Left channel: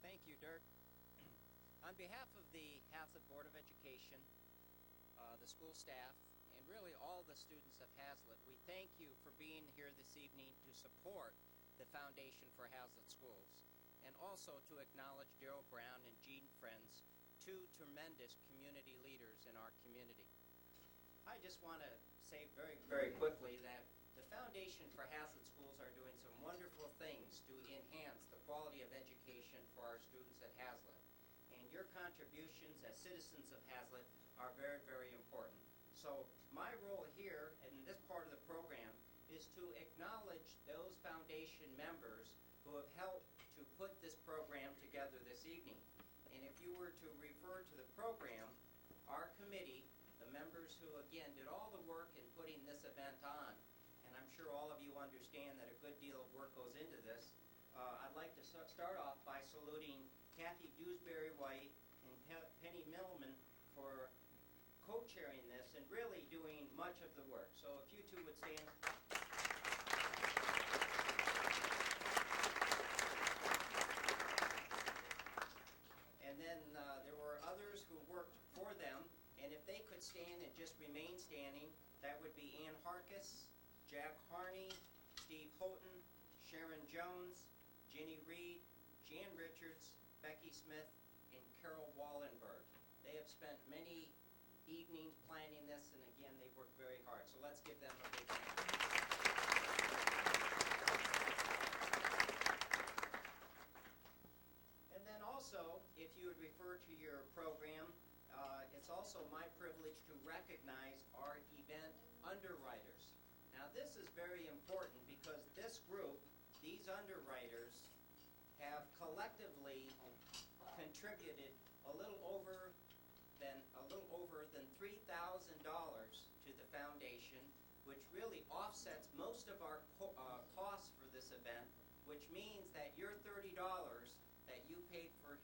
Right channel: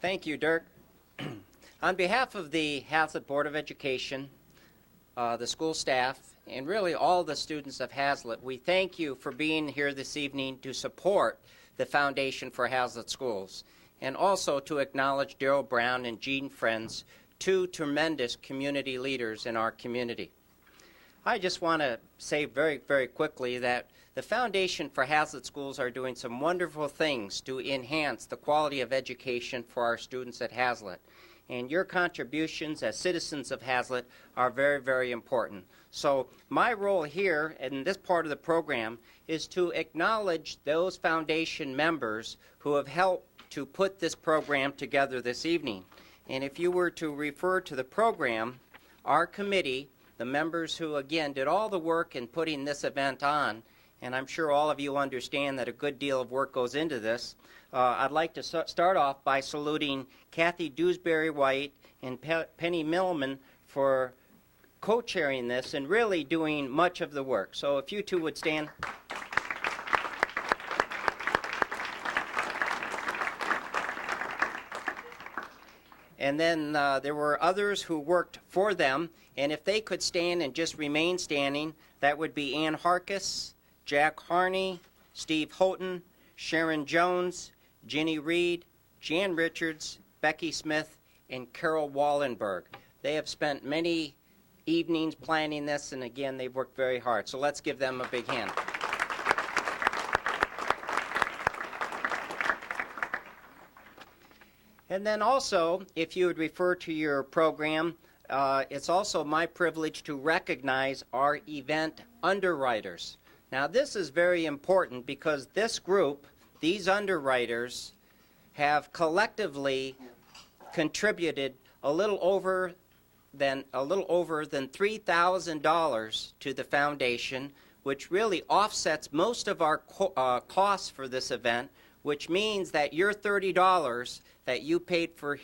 Thank you, Dirk. On behalf of the Hazlet Board of Education, the school staff, and really all the students of Hazlet, we thank you for being here this evening to support the Foundation for Hazlet Schools, and also to acknowledge Daryl Brown and Gene Friends, two tremendous community leaders in our community. I just want to say very, very quickly that the Foundation for Hazlet Schools are doing some wonderful things to enhance the quality of education for our students at Hazlet. And your contributions as citizens of Hazlet are very, very important. So my role here in this part of the program is to acknowledge those foundation members who have helped to put this program together this evening. And if you were to refer to the program, our committee, the members who, again, did all the work in putting this event on, and I'm sure all of you understand that a good deal of work goes into this. I'd like to start off by saluting Kathy Dewsbury-White and Penny Millman for co-chairing this and really doing much of the work. So if you two would stand. And then there were others who worked for them, and if they could stand and just remain standing, that would be Ann Harkis, Jack Harney, Steve Houghton, Sharon Jones, Ginny Reed, Jan Richards, Becky Smith, and Carol Wallenberg. They have spent many evenings planning this, and again, they've worked very hard. So let's give them a big hand. And then also, if you would refer to your program, it's also my privilege to recognize our event underwriters. Now, this is very important because this group, these underwriters, have collectively contributed a little over than $3,000 to the foundation, which really offsets most of our costs for this event, which means that your $30 that you paid for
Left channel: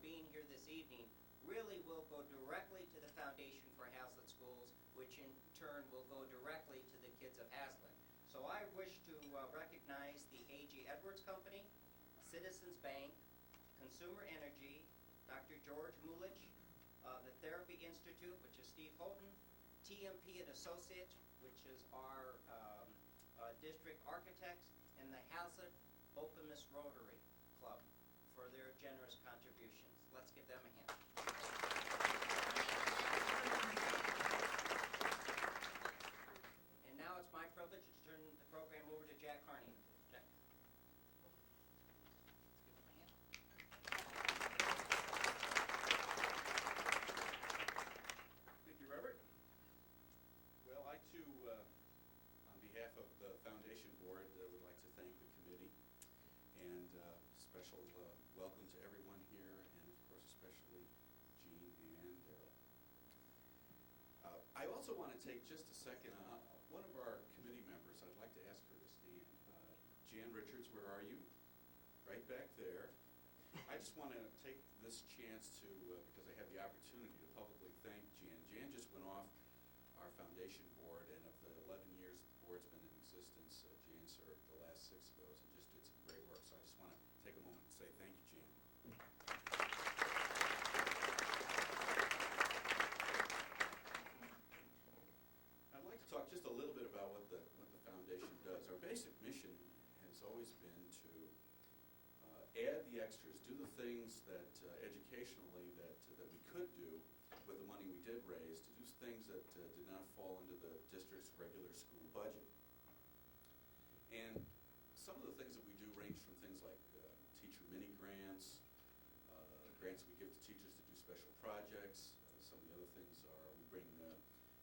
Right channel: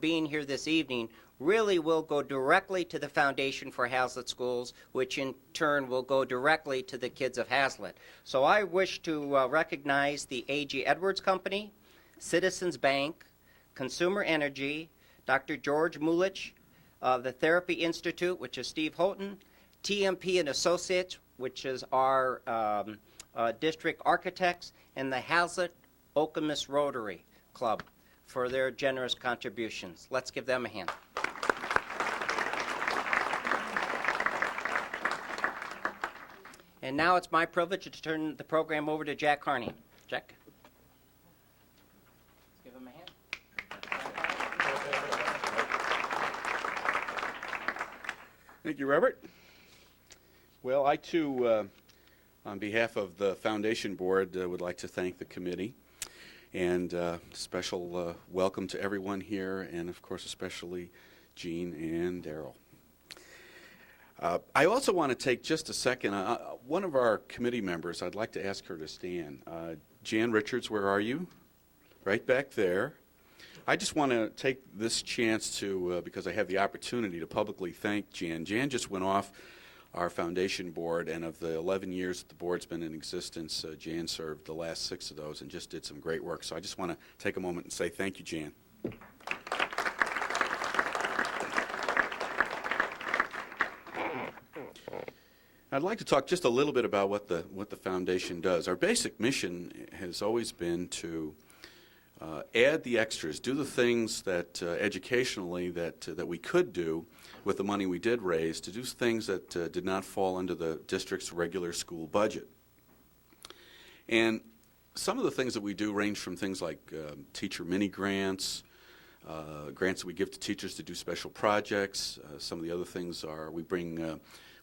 being here this evening really will go directly to the Foundation for Hazlet Schools, which in turn will go directly to the kids of Hazlet. So I wish to recognize the A.G. Edwards Company, Citizens Bank, Consumer Energy, Dr. George Mulich, the Therapy Institute, which is Steve Houghton, TMP and Associates, which is our district architects, and the Hazlet Okemos Rotary Club for their generous contributions. Let's give them a hand. And now it's my privilege to turn the program over to Jack Harney. Jack. Let's give him a hand. Thank you, Robert. Well, I too, on behalf of the Foundation Board, would like to thank the committee. And special welcome to everyone here, and of course especially Gene and Daryl. I also want to take just a second. One of our committee members, I'd like to ask her to stand. Jan Richards, where are you? Right back there. I just want to take this chance to, because I have the opportunity to publicly thank Jan. Jan just went off our foundation board, and of the 11 years that the board's been in existence, Jan served the last 6 of those and just did some great work. So I just want to take a moment and say thank you, Jan. I'd like to talk just a little bit about what the foundation does. Our basic mission has always been to add the extras, do the things that educationally that we could do with the money we did raise, to do things that did not fall under the district's regular school budget. And some of the things that we do range from things like teacher mini grants, grants that we give to teachers to do special projects. Some of the other things are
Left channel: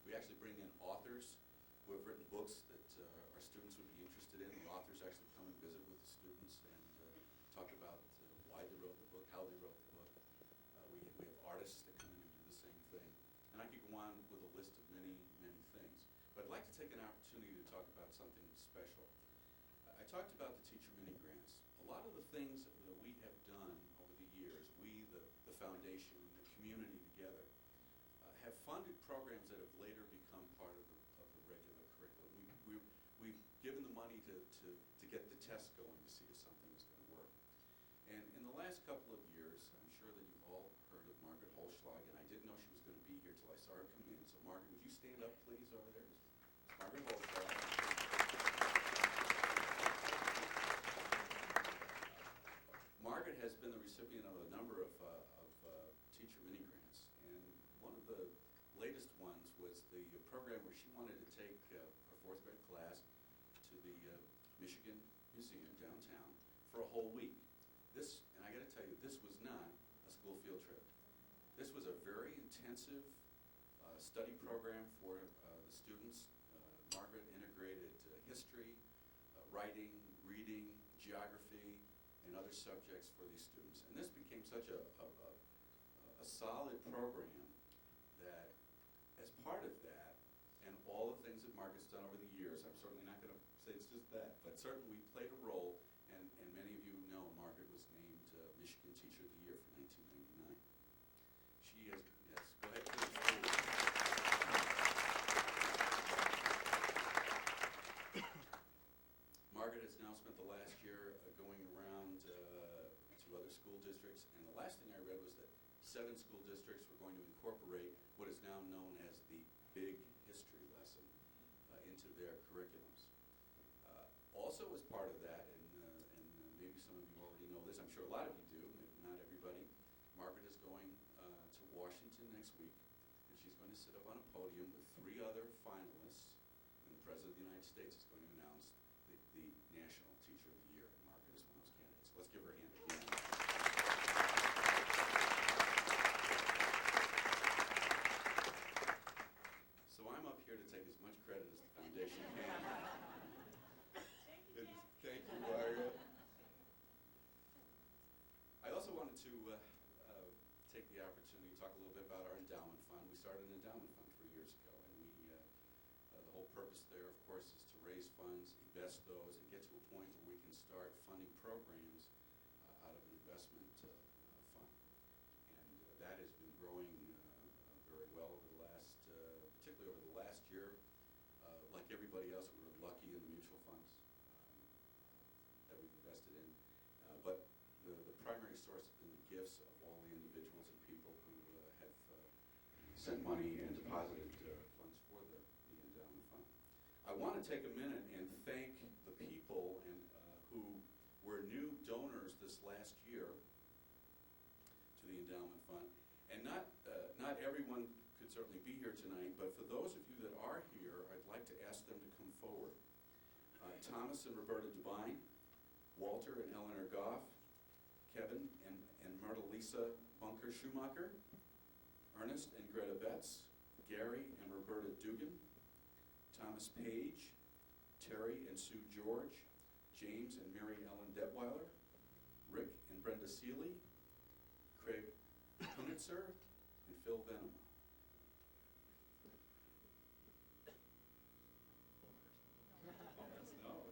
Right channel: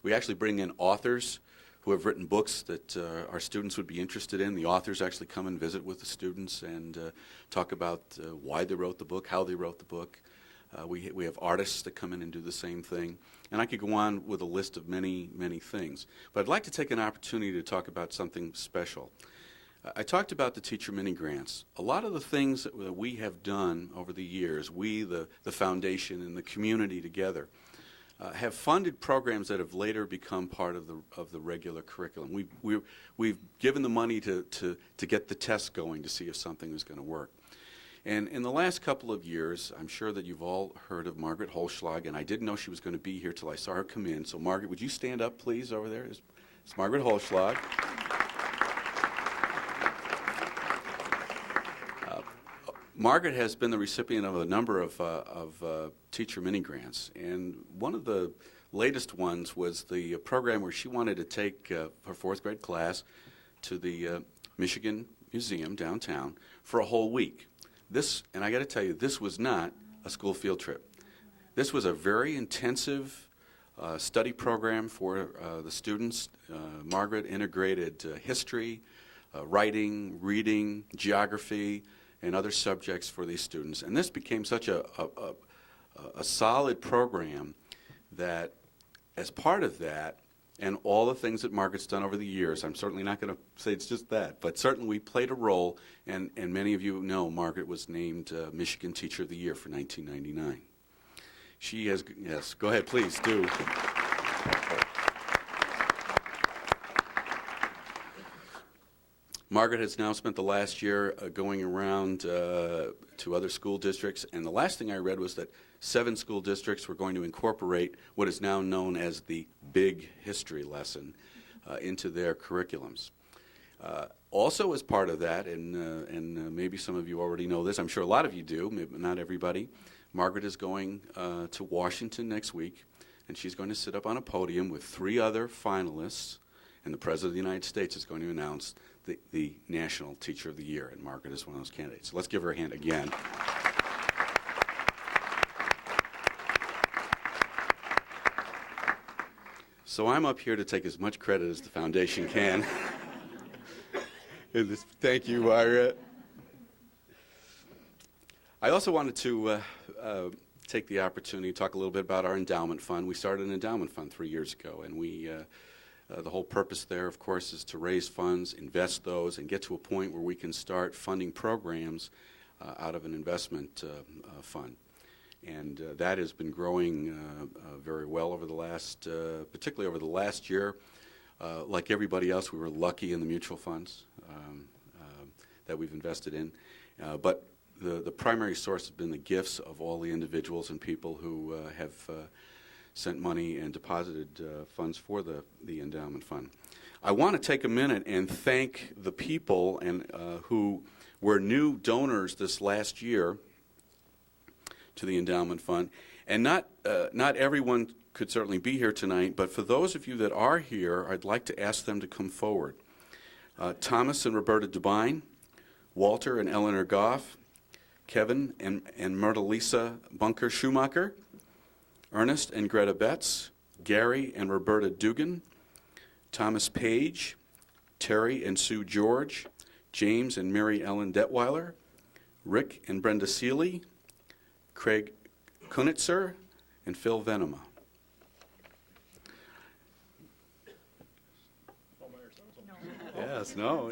we actually bring in authors who have written books that our students would be interested in. The authors actually come and visit with the students and talk about why they wrote the book, how they wrote the book. We have artists that come in and do the same thing. And I could go on with a list of many, many things. But I'd like to take an opportunity to talk about something special. I talked about the teacher mini grants. A lot of the things that we have done over the years, we, the foundation and the community together, have funded programs that have later become part of the regular curriculum. We've given the money to get the tests going to see if something is going to work. And in the last couple of years, I'm sure that you've all heard of Margaret Holschlag, and I didn't know she was going to be here till I saw her come in. So Margaret, would you stand up, please, over there? It's Margaret Holschlag. Margaret has been the recipient of a number of teacher mini grants, and one of the latest ones was the program where she wanted to take her fourth grade class to the Michigan Museum downtown for a whole week. This, and I got to tell you, this was not a school field trip. This was a very intensive study program for the students. Margaret integrated history, writing, reading, geography, and other subjects for these students. And this became such a solid program that as part of that, and all the things that Margaret's done over the years, I'm certainly not going to say it's just that, but certainly we played a role, and many of you know Margaret was named Michigan Teacher of the Year for 1999. She has, yes, go ahead, please do. Margaret has now spent the last year going around to other school districts, and the last thing I read was that 7 school districts were going to incorporate what is now known as the Big History lesson into their curriculums. Also as part of that, and maybe some of you already know this, I'm sure a lot of you do, maybe not everybody, Margaret is going to Washington next week, and she's going to sit up on a podium with 3 other finalists, and the President of the United States is going to announce the National Teacher of the Year, and Margaret is one of those candidates. So let's give her a hand again. So I'm up here to take as much credit as the foundation can. Thank you, Margaret. I also wanted to take the opportunity to talk a little bit about our endowment fund. We started an endowment fund 3 years ago, and the whole purpose there, of course, is to raise funds, invest those, and get to a point where we can start funding programs out of an investment fund. And that has been growing very well over the last, particularly over the last year. Like everybody else, we were lucky in the mutual funds that we've invested in. But the primary source has been the gifts of all the individuals and people who have sent money and deposited funds for the endowment fund. I want to take a minute and thank the people who were new donors this last year to the endowment fund. And not everyone could certainly be here tonight, but for those of you that are here, I'd like to ask them to come forward. Thomas and Roberta Dubine, Walter and Eleanor Goff, Kevin and Myrta-Lisa Bunker Schumacher, Ernest and Greta Betts, Gary and Roberta Dugan, Thomas Page, Terry and Sue George, James and Mary Ellen Detweiler, Rick and Brenda Seeley, Craig Kunitzer, and Phil Venema. Yes, no.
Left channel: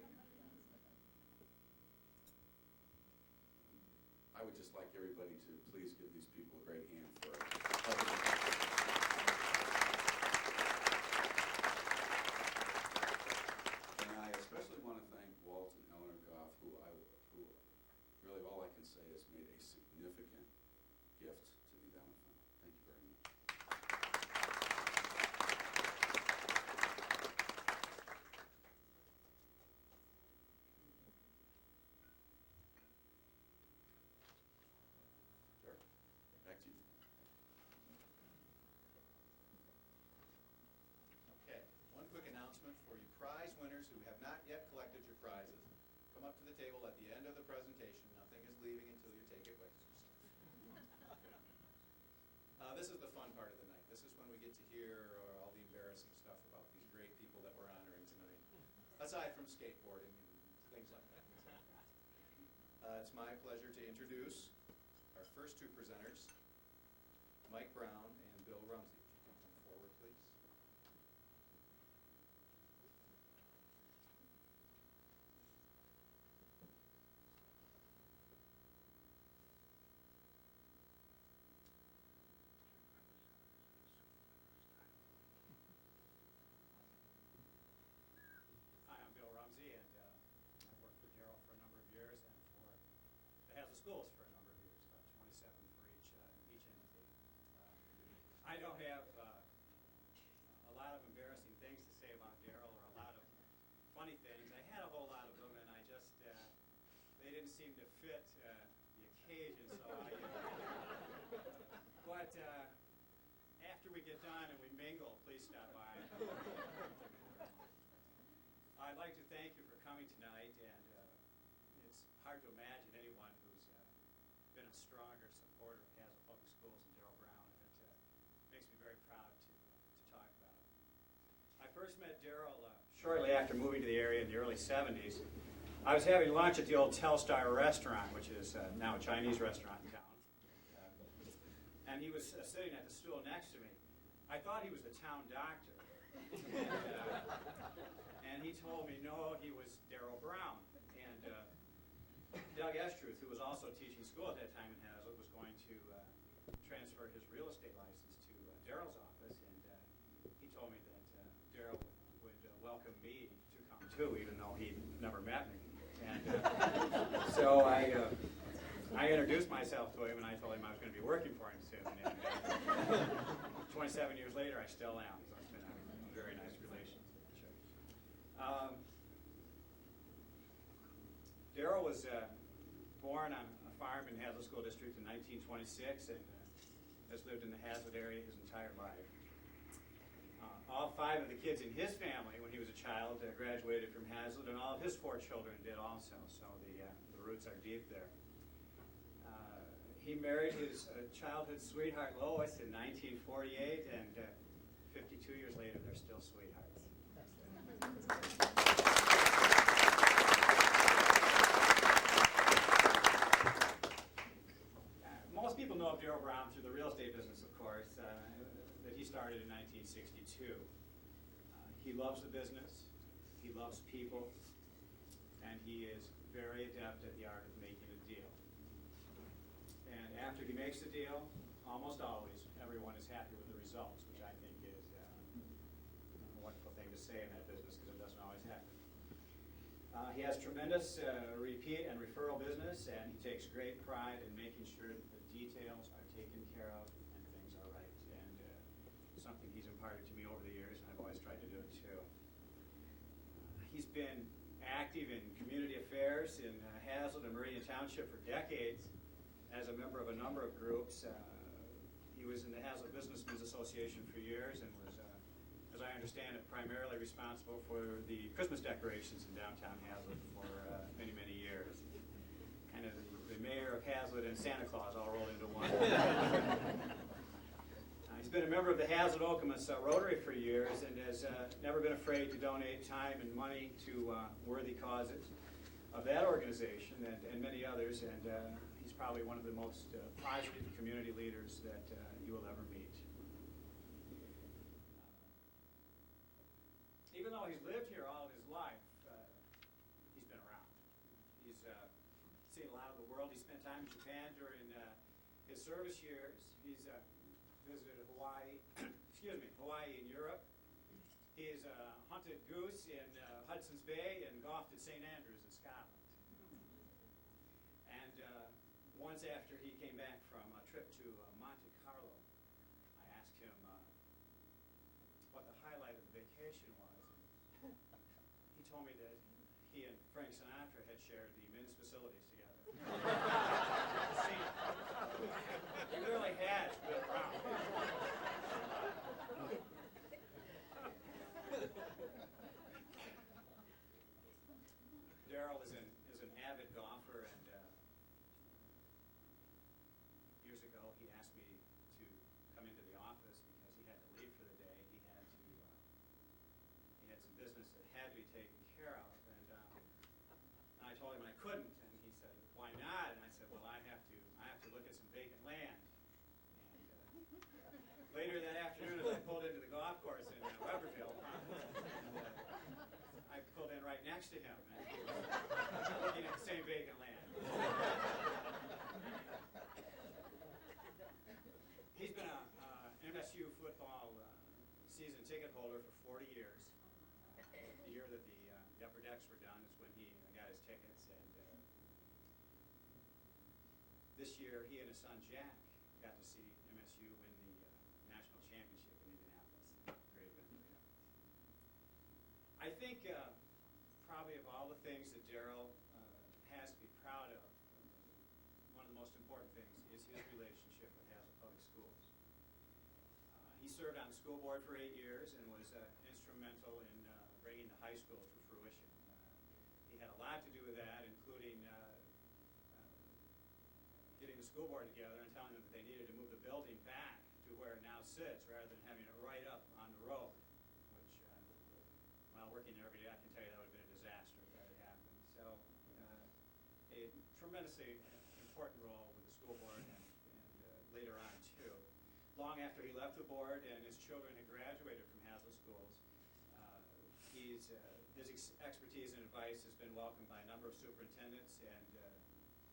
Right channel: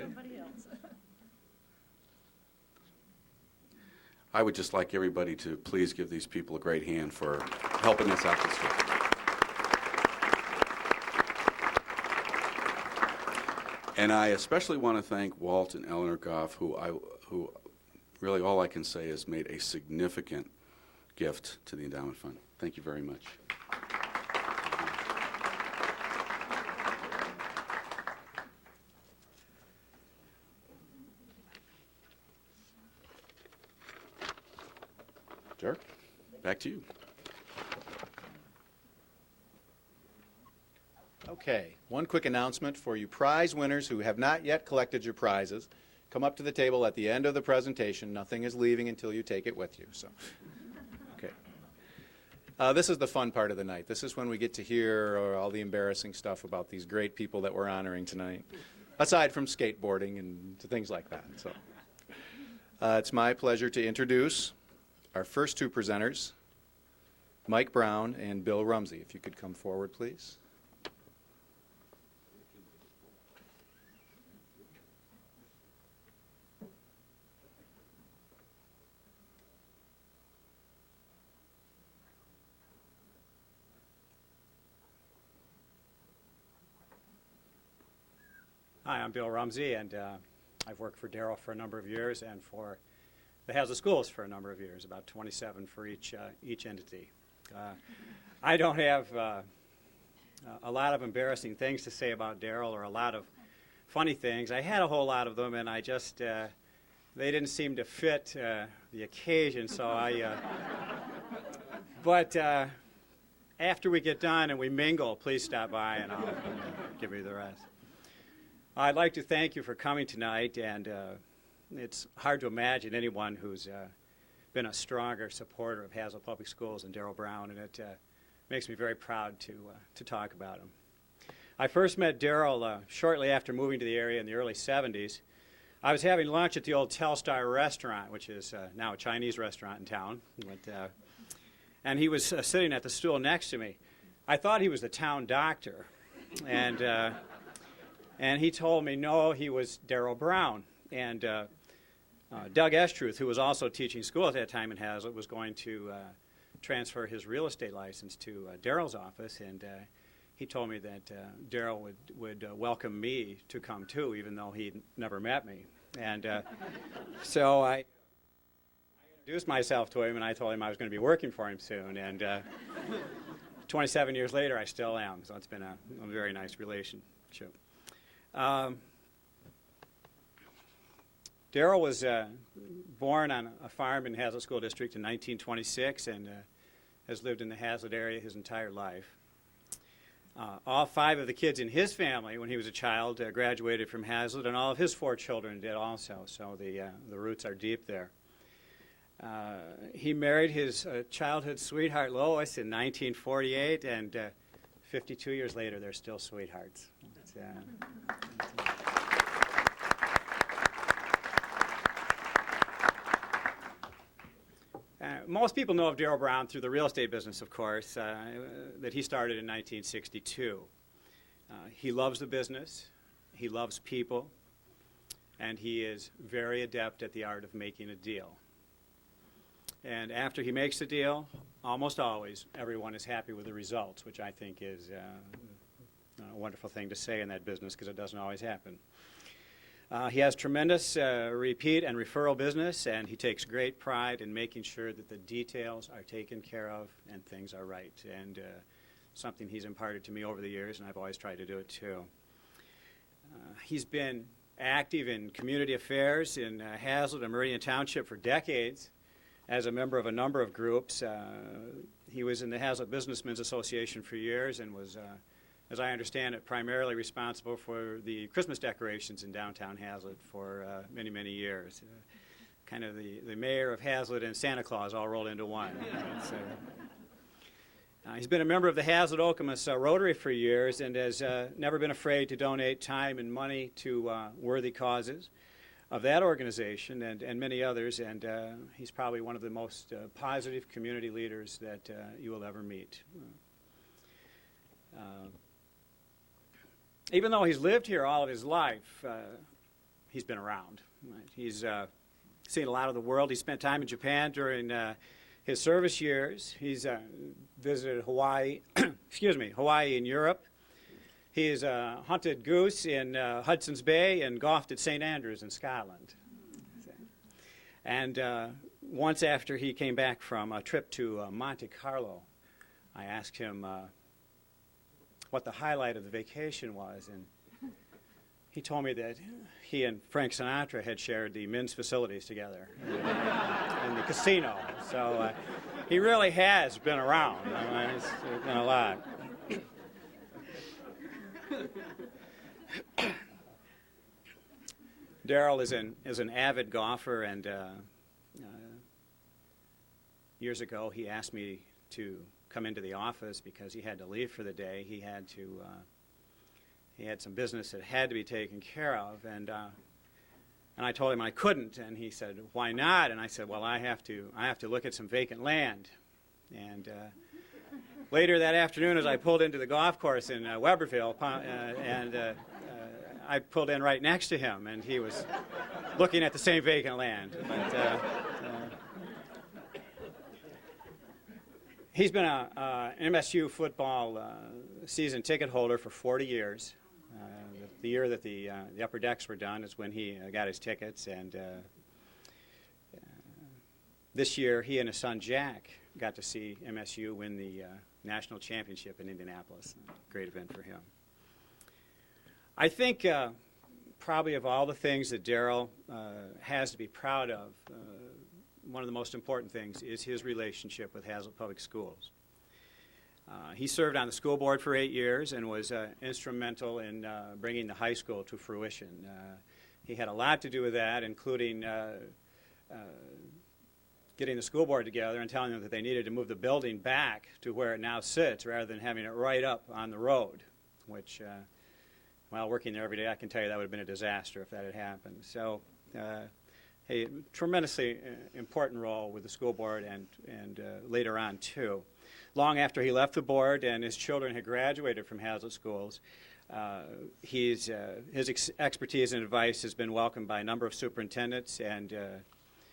I would just like everybody to please give these people a great hand for helping us out this year. And I especially want to thank Walt and Eleanor Goff, who really all I can say is made a significant gift to the endowment fund. Thank you very much. Dirk, back to you. Okay, one quick announcement for you prize winners who have not yet collected your prizes. Come up to the table at the end of the presentation. Nothing is leaving until you take it with you. So, okay. This is the fun part of the night. This is when we get to hear all the embarrassing stuff about these great people that we're honoring tonight, aside from skateboarding and things like that. So, it's my pleasure to introduce our first two presenters, Mike Brown and Bill Rumsey. If you could come forward, please. Hi, I'm Bill Rumsey, and I've worked for Darrell for a number of years and for the Hazlet Schools for a number of years, about 27 for each entity. I don't have a lot of embarrassing things to say about Darrell or a lot of funny things. I had a whole lot of them, and I just, they didn't seem to fit the occasion, so but after we get done and we mingle, please stop by and I'll give you the rest. I'd like to thank you for coming tonight, and it's hard to imagine anyone who's been a stronger supporter of Hazlet Public Schools than Darrell Brown, and it makes me very proud to talk about him. I first met Darrell shortly after moving to the area in the early 70s. I was having lunch at the old Telstar restaurant, which is now a Chinese restaurant in town, and he was sitting at the stool next to me. I thought he was the town doctor, and he told me, no, he was Darrell Brown. And Doug Estruth, who was also teaching school at that time in Hazlet, was going to transfer his real estate license to Darrell's office, and he told me that Darrell would welcome me to come too, even though he never met me. And so I introduced myself to him, and I told him I was going to be working for him soon. And 27 years later, I still am, so it's been a very nice relationship. Darrell was born on a farm in Hazlet School District in 1926 and has lived in the Hazlet area his entire life. All 5 of the kids in his family, when he was a child, graduated from Hazlet, and all of his 4 children did also, so the roots are deep there. He married his childhood sweetheart, Lois, in 1948, and 52 years later, they're still sweethearts. Most people know of Darrell Brown through the real estate business, of course, that he started in 1962. He loves the business, he loves people, and he is very adept at the art of making a deal. And after he makes the deal, almost always, everyone is happy with the results, which I think is a wonderful thing to say in that business because it doesn't always happen. He has tremendous repeat and referral business, and he takes great pride in making sure that the details are taken care of and things are right. And something he's imparted to me over the years, and I've always tried to do it too. He's been active in community affairs in Hazlet and Meridian Township for decades as a member of a number of groups. He was in the Hazlet Businessmen's Association for years and was as I understand it, primarily responsible for the Christmas decorations in downtown Hazlet for many, many years. Kind of the mayor of Hazlet and Santa Claus all rolled into one. He's been a member of the Hazlet-Okemos Rotary for years and has never been afraid to donate time and money to worthy causes of that organization and many others, and he's probably one of the most positive community leaders that you will ever meet. Even though he's lived here all of his life, he's been around. Right? He's seen a lot of the world. He spent time in Japan during his service years. He's visited Hawaii, Hawaii in Europe. He's hunted goose in Hudson's Bay and golfed at St. Andrews in Scotland. And once after he came back from a trip to Monte Carlo, I asked him what the highlight of the vacation was, and he told me that he and Frank Sinatra had shared the men's facilities together in the casino. So he really has been around. I mean, it's been a lot. Darrell is an avid golfer, and years ago he asked me to come into the office because he had to leave for the day. He had some business that had to be taken care of, and I told him I couldn't, and he said, "Why not?" And I said, "Well, I have to look at some vacant land." And later that afternoon, as I pulled into the golf course in Weberville, I pulled in right next to him, and he was looking at the same vacant land. But, he's been an MSU football season ticket holder for 40 years. The year that the upper decks were done is when he got his tickets, and this year he and his son Jack got to see MSU win the national championship in Indianapolis. Great event for him. I think probably of all the things that Darrell has to be proud of, one of the most important things is his relationship with Hazlet Public Schools. He served on the school board for 8 years and was instrumental in bringing the high school to fruition. He had a lot to do with that, including getting the school board together and telling them that they needed to move the building back to where it now sits rather than having it right up on the road, which, while working there every day, I can tell you that would have been a disaster if that had happened. So a tremendously important role with the school board and later on, too. Long after he left the board and his children had graduated from Hazlet schools, his expertise and advice has been welcomed by a number of superintendents, and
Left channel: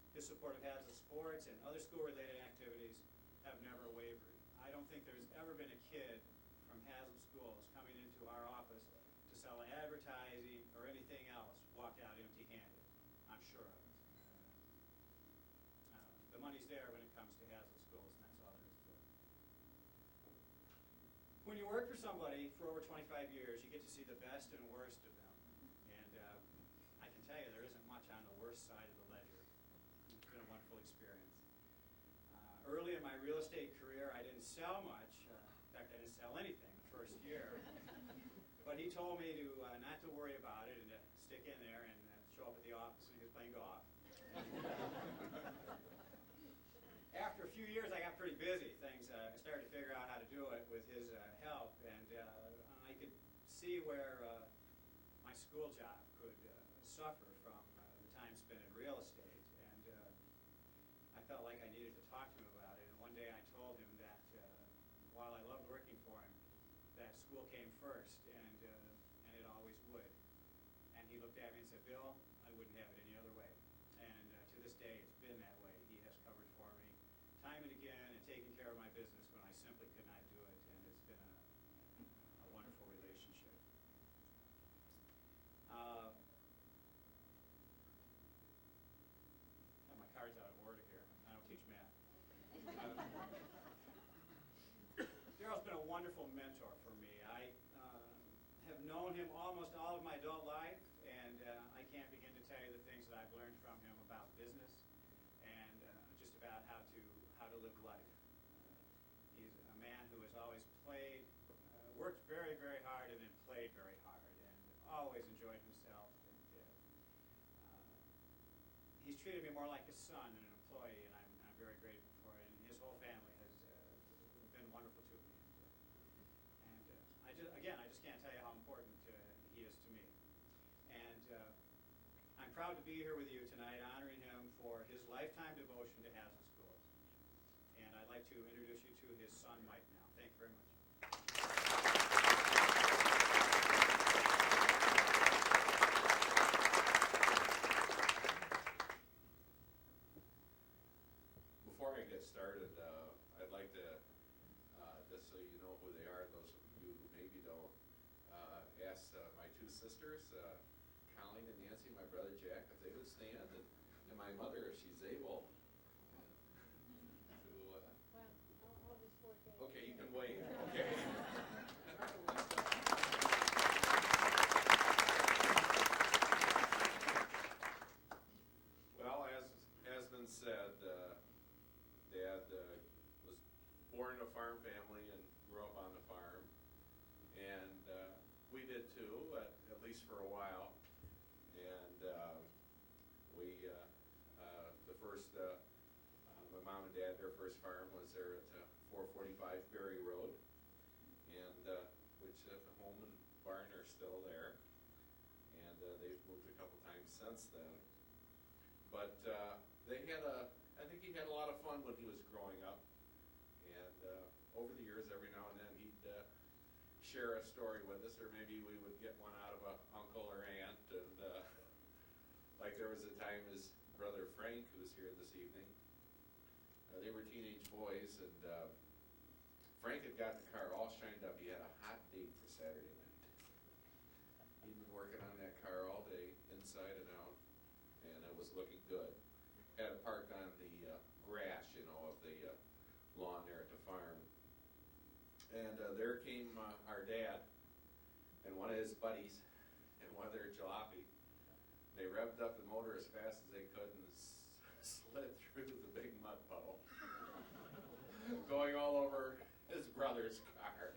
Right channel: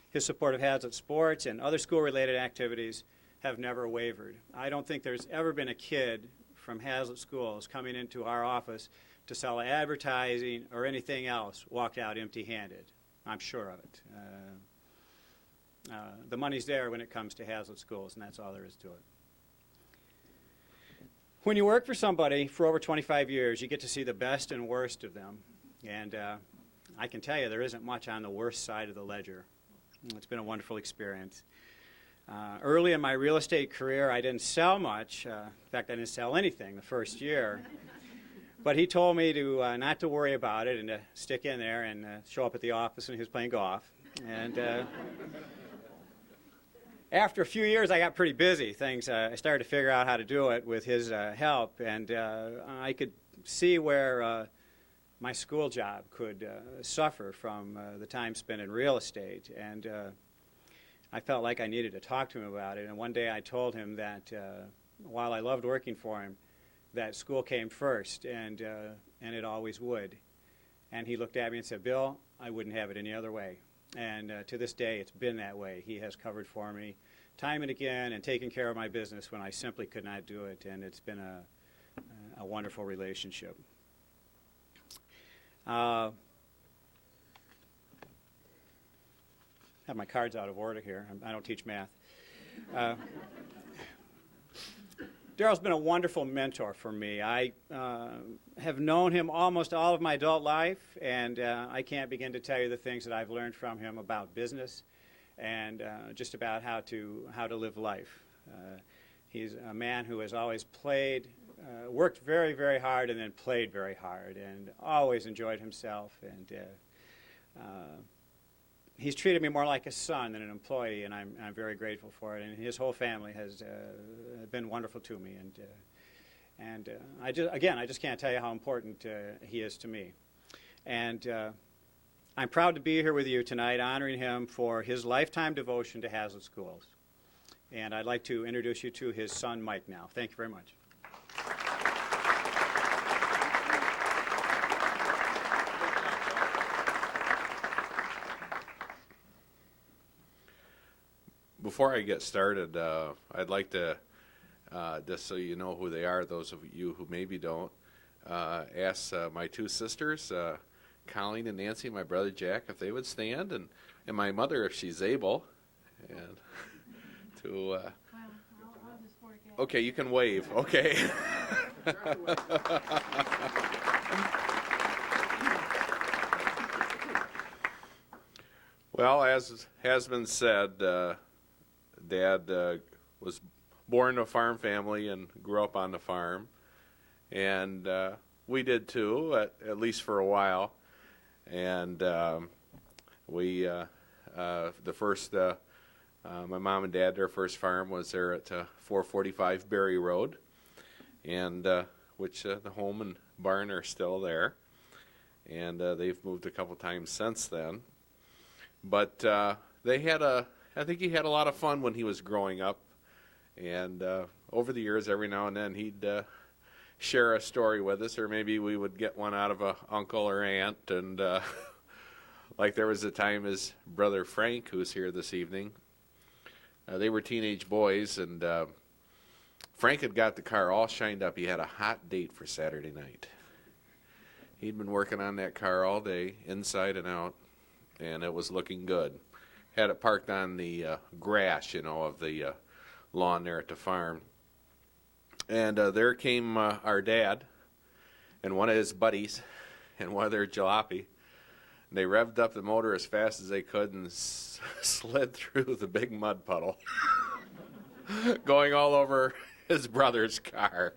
his support of Hazlet sports and other school-related activities have never wavered. I don't think there's ever been a kid from Hazlet schools coming into our office to sell advertising or anything else walked out empty-handed. I'm sure of it. The money's there when it comes to Hazlet schools, and that's all there is to it. When you work for somebody for over 25 years, you get to see the best and worst of them. And I can tell you there isn't much on the worst side of the ledger. It's been a wonderful experience. Early in my real estate career, I didn't sell much. In fact, I didn't sell anything the first year. But he told me to not to worry about it and to stick in there and show up at the office when he was playing golf. And after a few years, I got pretty busy. I started to figure out how to do it with his help, and I could see where my school job could suffer from the time spent in real estate, and I felt like I needed to talk to him about it. And one day I told him that while I loved working for him, that school came first, and it always would. And he looked at me and said, "Bill, I wouldn't have it any other way." And to this day, it's been that way. He has covered for me time and again and taken care of my business when I simply could not do it, and it's been a wonderful relationship. I have my cards out of order here. I don't teach math. Darrell's been a wonderful mentor for me. I have known him almost all of my adult life, and I can't begin to tell you the things that I've learned from him about business and just about how to live life. He's a man who has always worked very, very hard and then played very hard and always enjoyed himself. And he's treated me more like a son than an employee, and I'm very grateful for it. And his whole family has been wonderful to me, and I just can't tell you how important he is to me. And I'm proud to be here with you tonight, honoring him for his lifetime devotion to Hazlet schools. And I'd like to introduce you to his son, Mike, now. Thank you very much. Before I get started, I'd like to, just so you know who they are, those of you who maybe don't, ask my two sisters, Colleen and Nancy, my brother Jack, if they would stand, and my mother, if she's able, and to... I'll just work it. Okay, you can wave. Okay. Well, as has been said, Dad was born to a farm family and grew up on the farm, and we did too, at least for a while. And we, the first, my mom and dad, their first farm was there at 445 Berry Road, and which the home and barn are still there. And they've moved a couple times since then. But they had I think he had a lot of fun when he was growing up. And over the years, every now and then, he'd share a story with us, or maybe we would get one out of a uncle or aunt. And like there was a time his brother Frank, who's here this evening, they were teenage boys, and Frank had got the car all shined up. He had a hot date for Saturday night. He'd been working on that car all day, inside and out, and it was looking good. Had it parked on the grass, of the lawn there at the farm. And there came our dad and one of his buddies and one of their jalopy. They revved up the motor as fast as they could and slid through the big mud puddle, going all over his brother's car.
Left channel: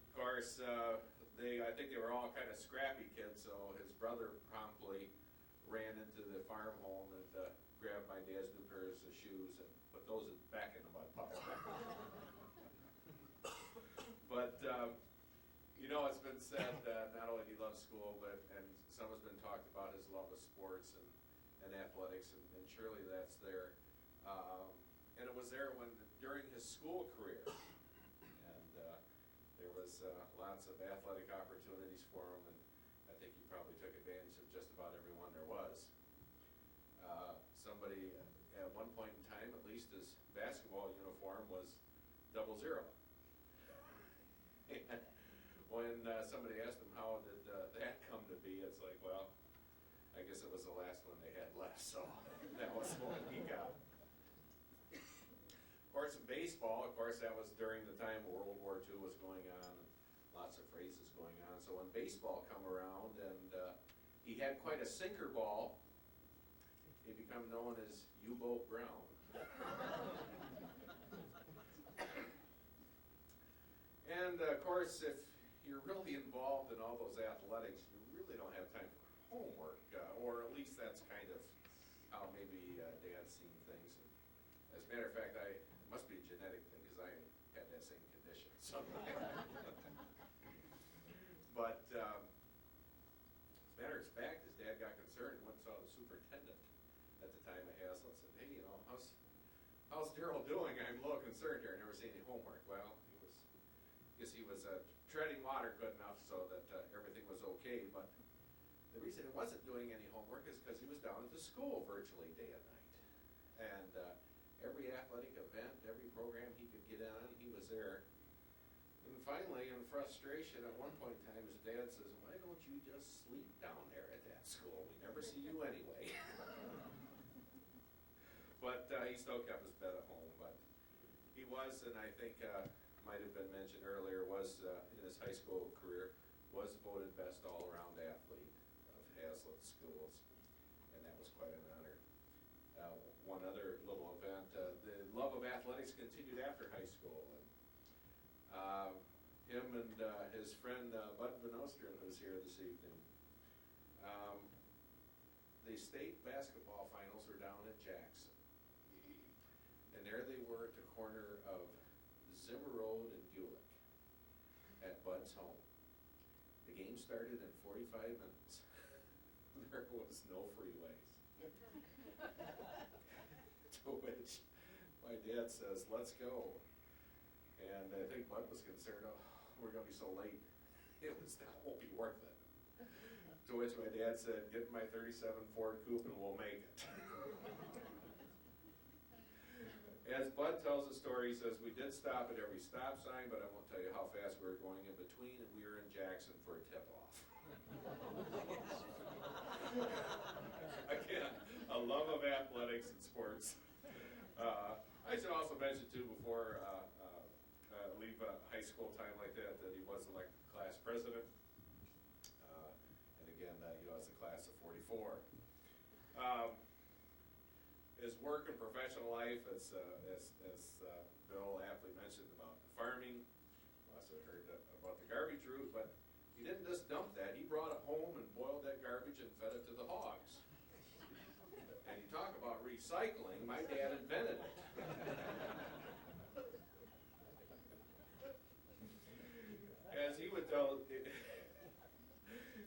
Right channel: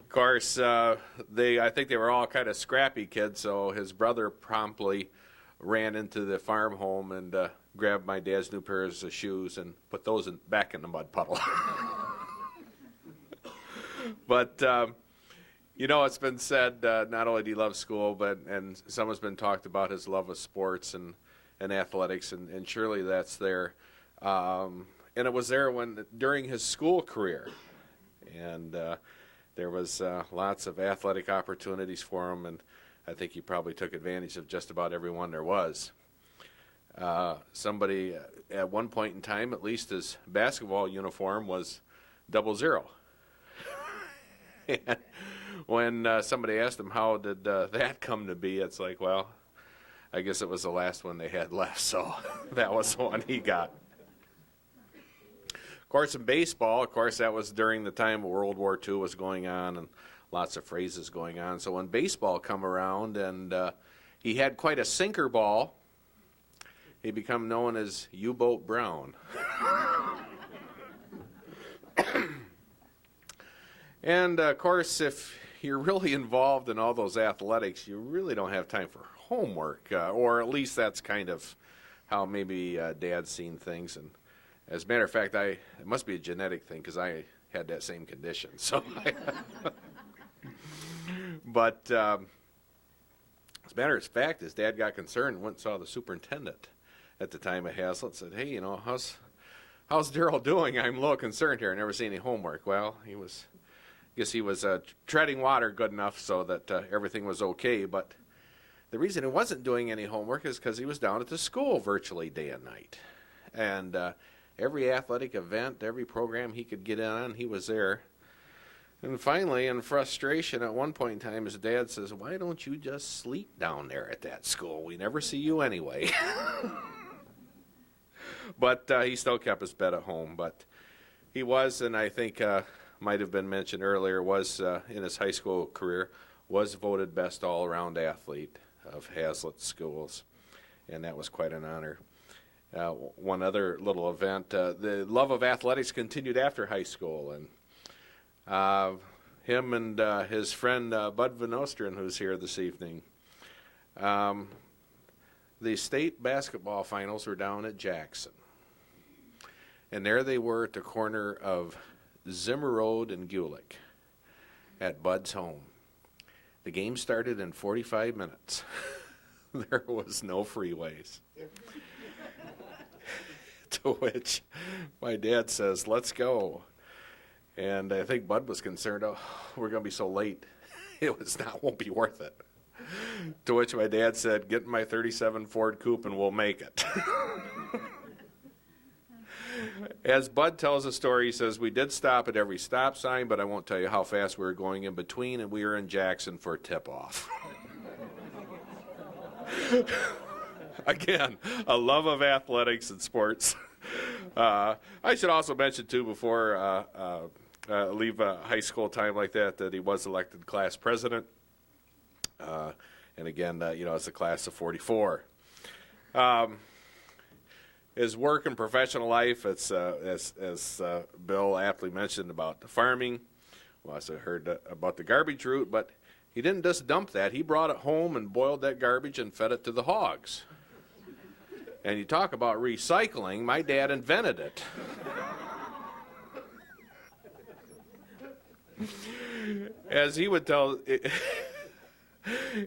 Of course, I think they were all kind of scrappy kids, so his brother promptly ran into the farm home and grabbed my dad's new pairs of shoes and put those back in the mud puddle. But, it's been said, not only do he love school, and someone's been talked about his love of sports and athletics, and surely that's there. And it was there during his school career. And there was lots of athletic opportunities for him, and I think he probably took advantage of just about every one there was. Somebody, at one point in time, at least his basketball uniform was 00. And when somebody asked him how did that come to be, it's like, well, I guess it was the last one they had left, so that was the one he got. Of course, in baseball, that was during the time World War II was going on and lots of phrases going on. So when baseball come around and he had quite a sinker ball, he became known as U-Boat Brown. And, of course, if you're really involved in all those athletics, you really don't have time for homework, or at least that's kind of how maybe Dad's seen things. And as a matter of fact, it must be a genetic thing because I had that same condition. So, but as a matter of fact, his dad got concerned and went and saw the superintendent at the time at Haslett. Said, "Hey, how's Daryl doing? I'm a little concerned here. I never seen any homework." Well, he was treading water good enough so that everything was okay. But the reason he wasn't doing any homework is because he was down at the school virtually day and night. And every athletic event, every program he could get in on, he was there. And finally, in frustration, at one point in time, his dad says, "Why don't you just sleep down there at that school? We never see you anyway." But he still kept his bed at home. But he was, and I think might have been mentioned earlier, was in his high school career, was voted best all-around athlete of Haslett schools. And that was quite an honor. One other little event, the love of athletics continued after high school, and him and his friend Bud Van Osteren, who's here this evening, the state basketball finals were down at Jackson, and there they were at the corner of Zimmer Road and Gulick at Bud's home. The game started in 45 minutes. There was no freeways. To which my dad says, "Let's go." And I think Bud was concerned, "Oh, we're going to be so late. Won't be worth it." To which my dad said, "Get in my 37 Ford Coupe and we'll make it." As Bud tells the story, he says, "We did stop at every stop sign, but I won't tell you how fast we were going in between, and we were in Jackson for tip-off." Again, a love of athletics and sports. I should also mention, too, before leave a high school time like that he was elected class president. And again, it's a class of 44. his work and professional life, it's as Bill aptly mentioned about the farming. We also heard about the garbage route, but he didn't just dump that. He brought it home and boiled that garbage and fed it to the hogs. And you talk about recycling, my dad invented it. As he would tell,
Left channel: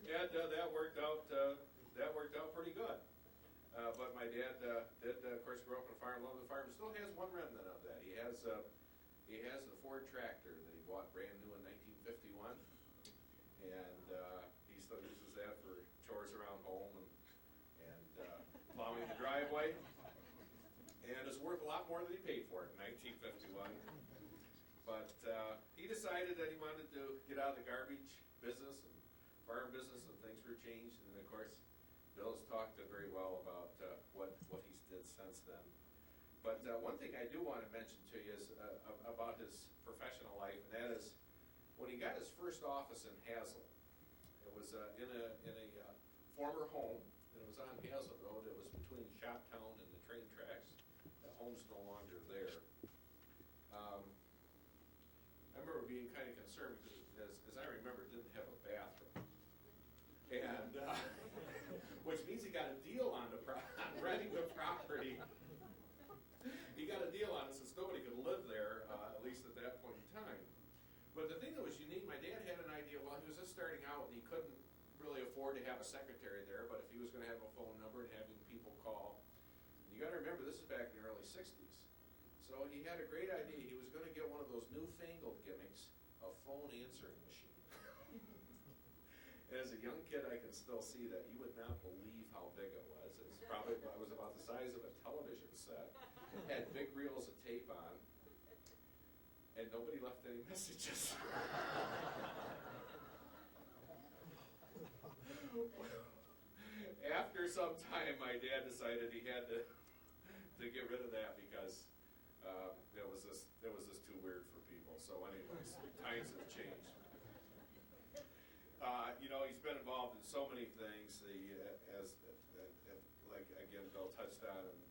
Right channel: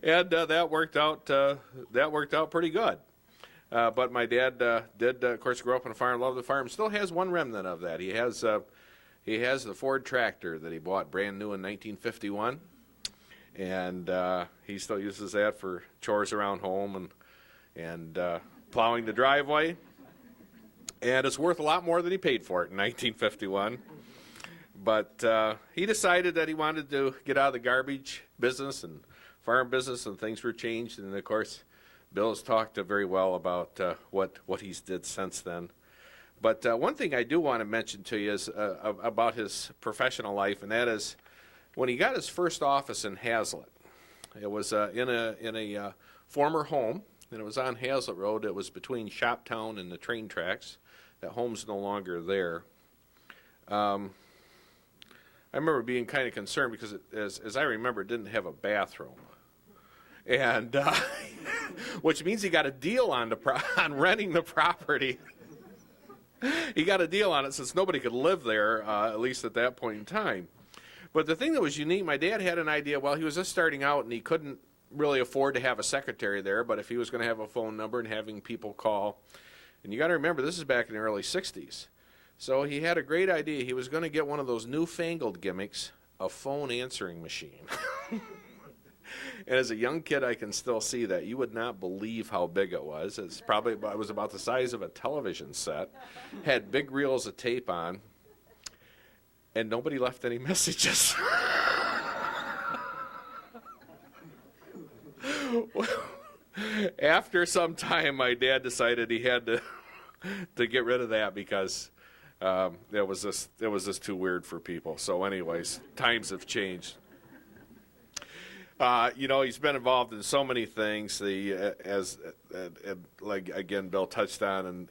and that worked out pretty good. But my dad did, of course, grow up on a farm, loved the farm. Still has one remnant of that. He has the Ford tractor that he bought brand new in 1951, and he still uses that for chores around home and plowing the driveway. And it's worth a lot more than he paid for it in 1951. But he decided that he wanted to get out of the garbage business and farm business, and things were changed. And of course, Bill has talked very well about what he's did since then. But one thing I do want to mention to you is about his professional life, and that is when he got his first office in Hazlet. It was in a former home, and it was on Hazlet Road. It was between Shoptown and the train tracks. That home's no longer there. I remember being kind of concerned because, as I remember, it didn't have a bathroom, and which means he got a deal on on renting the property. He got a deal on it since nobody could live there, at least at that point in time. But the thing that was unique, my dad had an idea. Well, he was just starting out, and he couldn't really afford to have a secretary there. But if he was going to have a phone number and having people call, and you got to remember, this is back in the early '60s. So he had a great idea. He was going to get one of those newfangled gimmicks, a phone answering machine. And as a young kid, I can still see that. You would not believe how big it was. It was about the size of a television set, had big reels of tape on, and nobody left any messages. Well, after some time, my dad decided he had to get rid of that because it was just too weird for people. So anyways, times have changed. He's been involved in so many things. Like again, Bill touched on,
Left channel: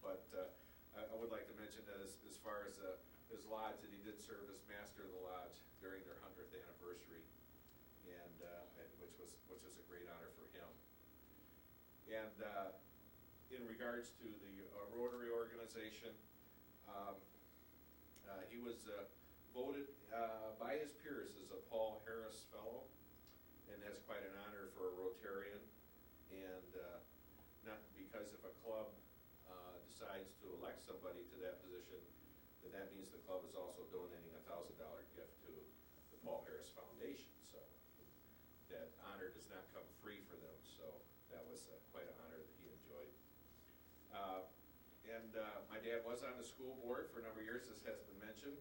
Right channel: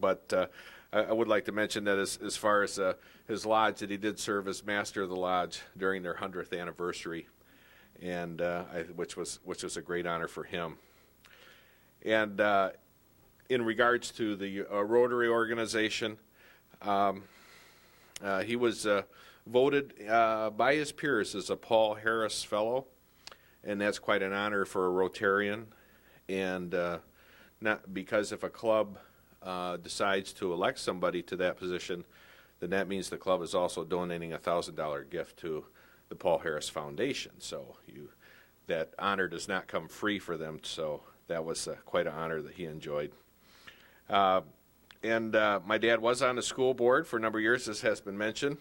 but I would like to mention that as far as his lodge, that he did serve as master of the lodge during their 100th anniversary, and which was a great honor for him. And in regards to the Rotary organization, he was voted by his peers as a Paul Harris Fellow. And that's quite an honor for a Rotarian, and not because if a club decides to elect somebody to that position, then that means the club is also donating a $1,000 gift to the Paul Harris Foundation. So that honor does not come free for them. So that was quite an honor that he enjoyed. And my dad was on the school board for a number of years, as has been mentioned,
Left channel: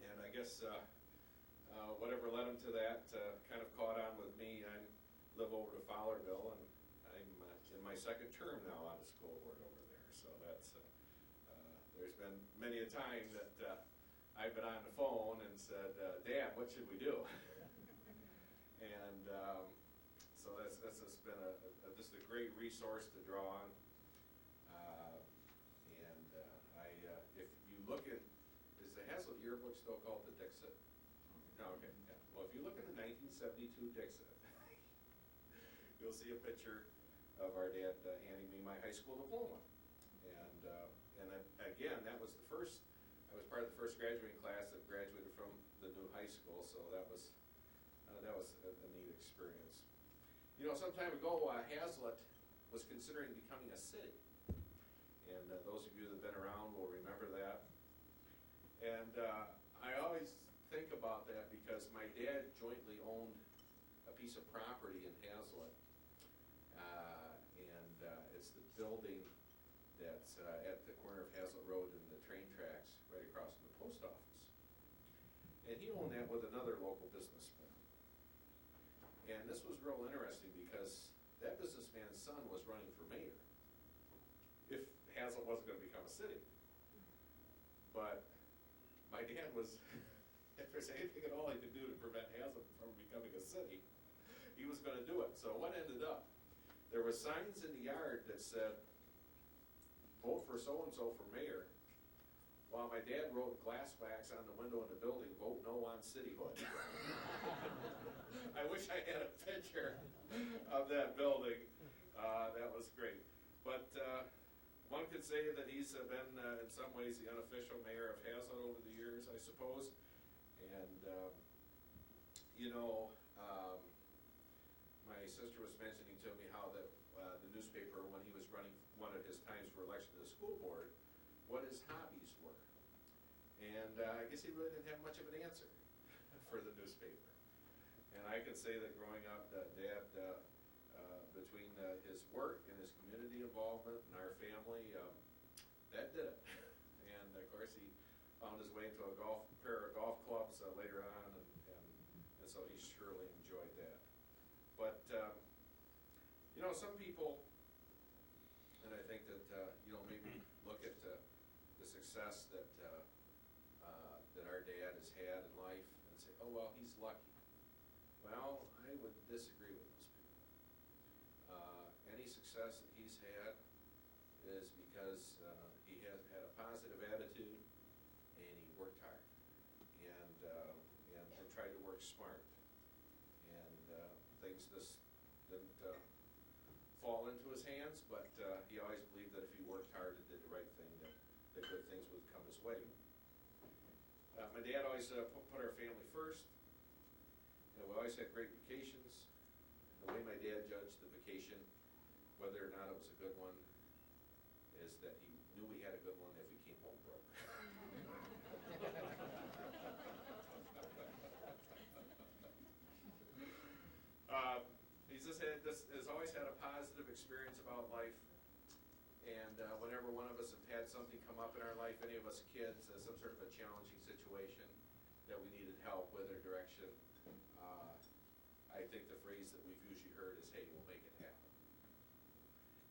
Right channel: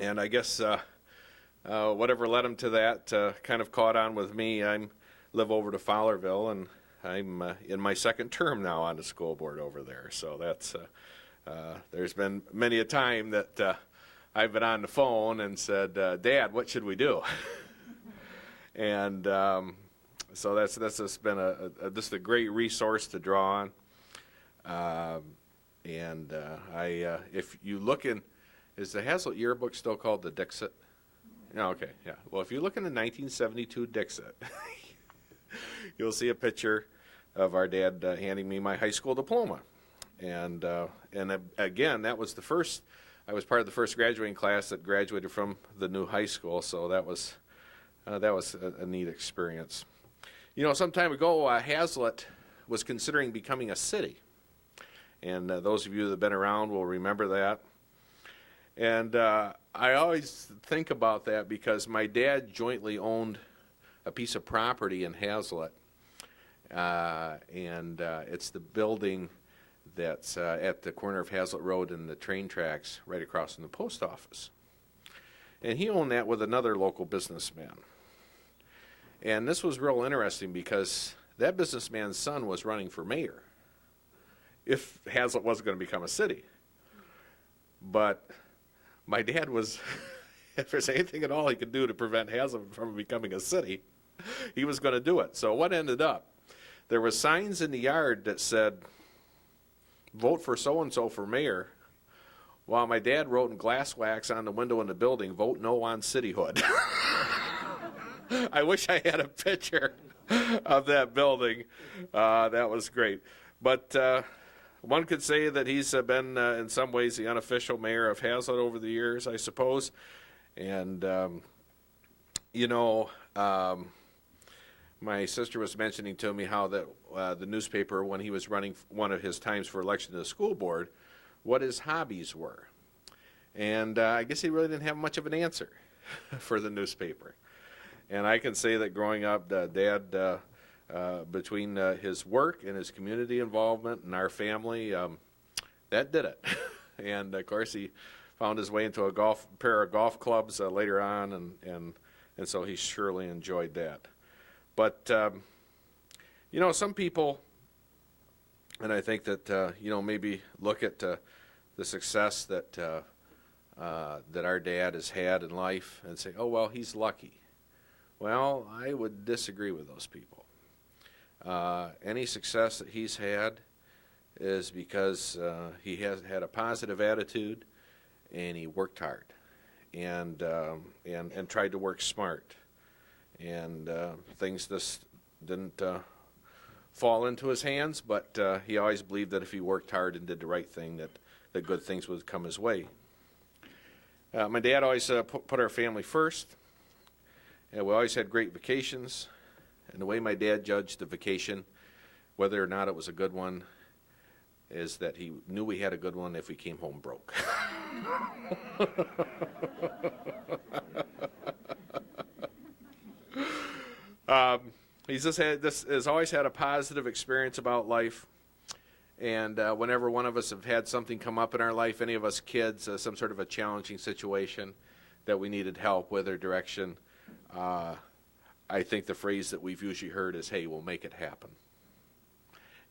and I guess. Whatever led him to that kind of caught on with me. I live over to Fowlerville, and I'm in my second term now on the school board over there. So that's there's been many a time that I've been on the phone and said, "Dad, what should we do?" And so that's just been just a great resource to draw on. If you look in, is the Hazlet yearbook still called the Dixit? Oh, okay, yeah. Well, if you look in the 1972 Dixit, you'll see a picture of our dad handing me my high school diploma. And again, that was I was part of the first graduating class that graduated from the new high school, so that was a neat experience. Some time ago, Hazlet was considering becoming a city. And those of you that have been around will remember that. And I always think about that because my dad jointly owned a piece of property in Hazlet, and it's the building that's at the corner of Hazlet Road and the train tracks right across from the post office. And he owned that with another local businessman. And this was real interesting because that businessman's son was running for mayor if Hazlet wasn't going to become a city. But my dad was, if there's anything at all he could do to prevent Hazlet from becoming a city, he was going to do it. So what ended up? There were signs in the yard that said, vote for so-and-so for mayor, while my dad wrote in glass wax on the window in the building, vote no on cityhood. I wish I had a picture of that building. That was great. But one could say that he's been, in some ways, the unofficial mayor of Hazlet over the years, I suppose. And, my sister was mentioning to me how that the newspaper, when he was running one of his times for election to the school board, what his hobbies were. And I guess he really didn't have much of an answer for the newspaper. And I can say that growing up, Dad, between his work and his community involvement and our family, that did it. And of course, he found his way into a pair of golf clubs later on, and so he surely enjoyed that. But some people, and I think that maybe look at the success that our dad has had in life and say, oh well, he's lucky. Well, I would disagree with those people. Any success that he's had is because he has had a positive attitude, and he worked hard, and tried to work smart, and things just didn't fall into his hands. But he always believed that if he worked hard and did the right thing, that good things would come his way. My dad always put our family first. And we always had great vacations, and the way my dad judged the vacation, whether or not it was a good one, is that he knew we had a good one if we came home broke. He's has always had a positive experience about life, and whenever one of us have had something come up in our life, any of us kids, some sort of a challenging situation that we needed help with or direction, I think the phrase that we've usually heard is, hey, we'll make it happen.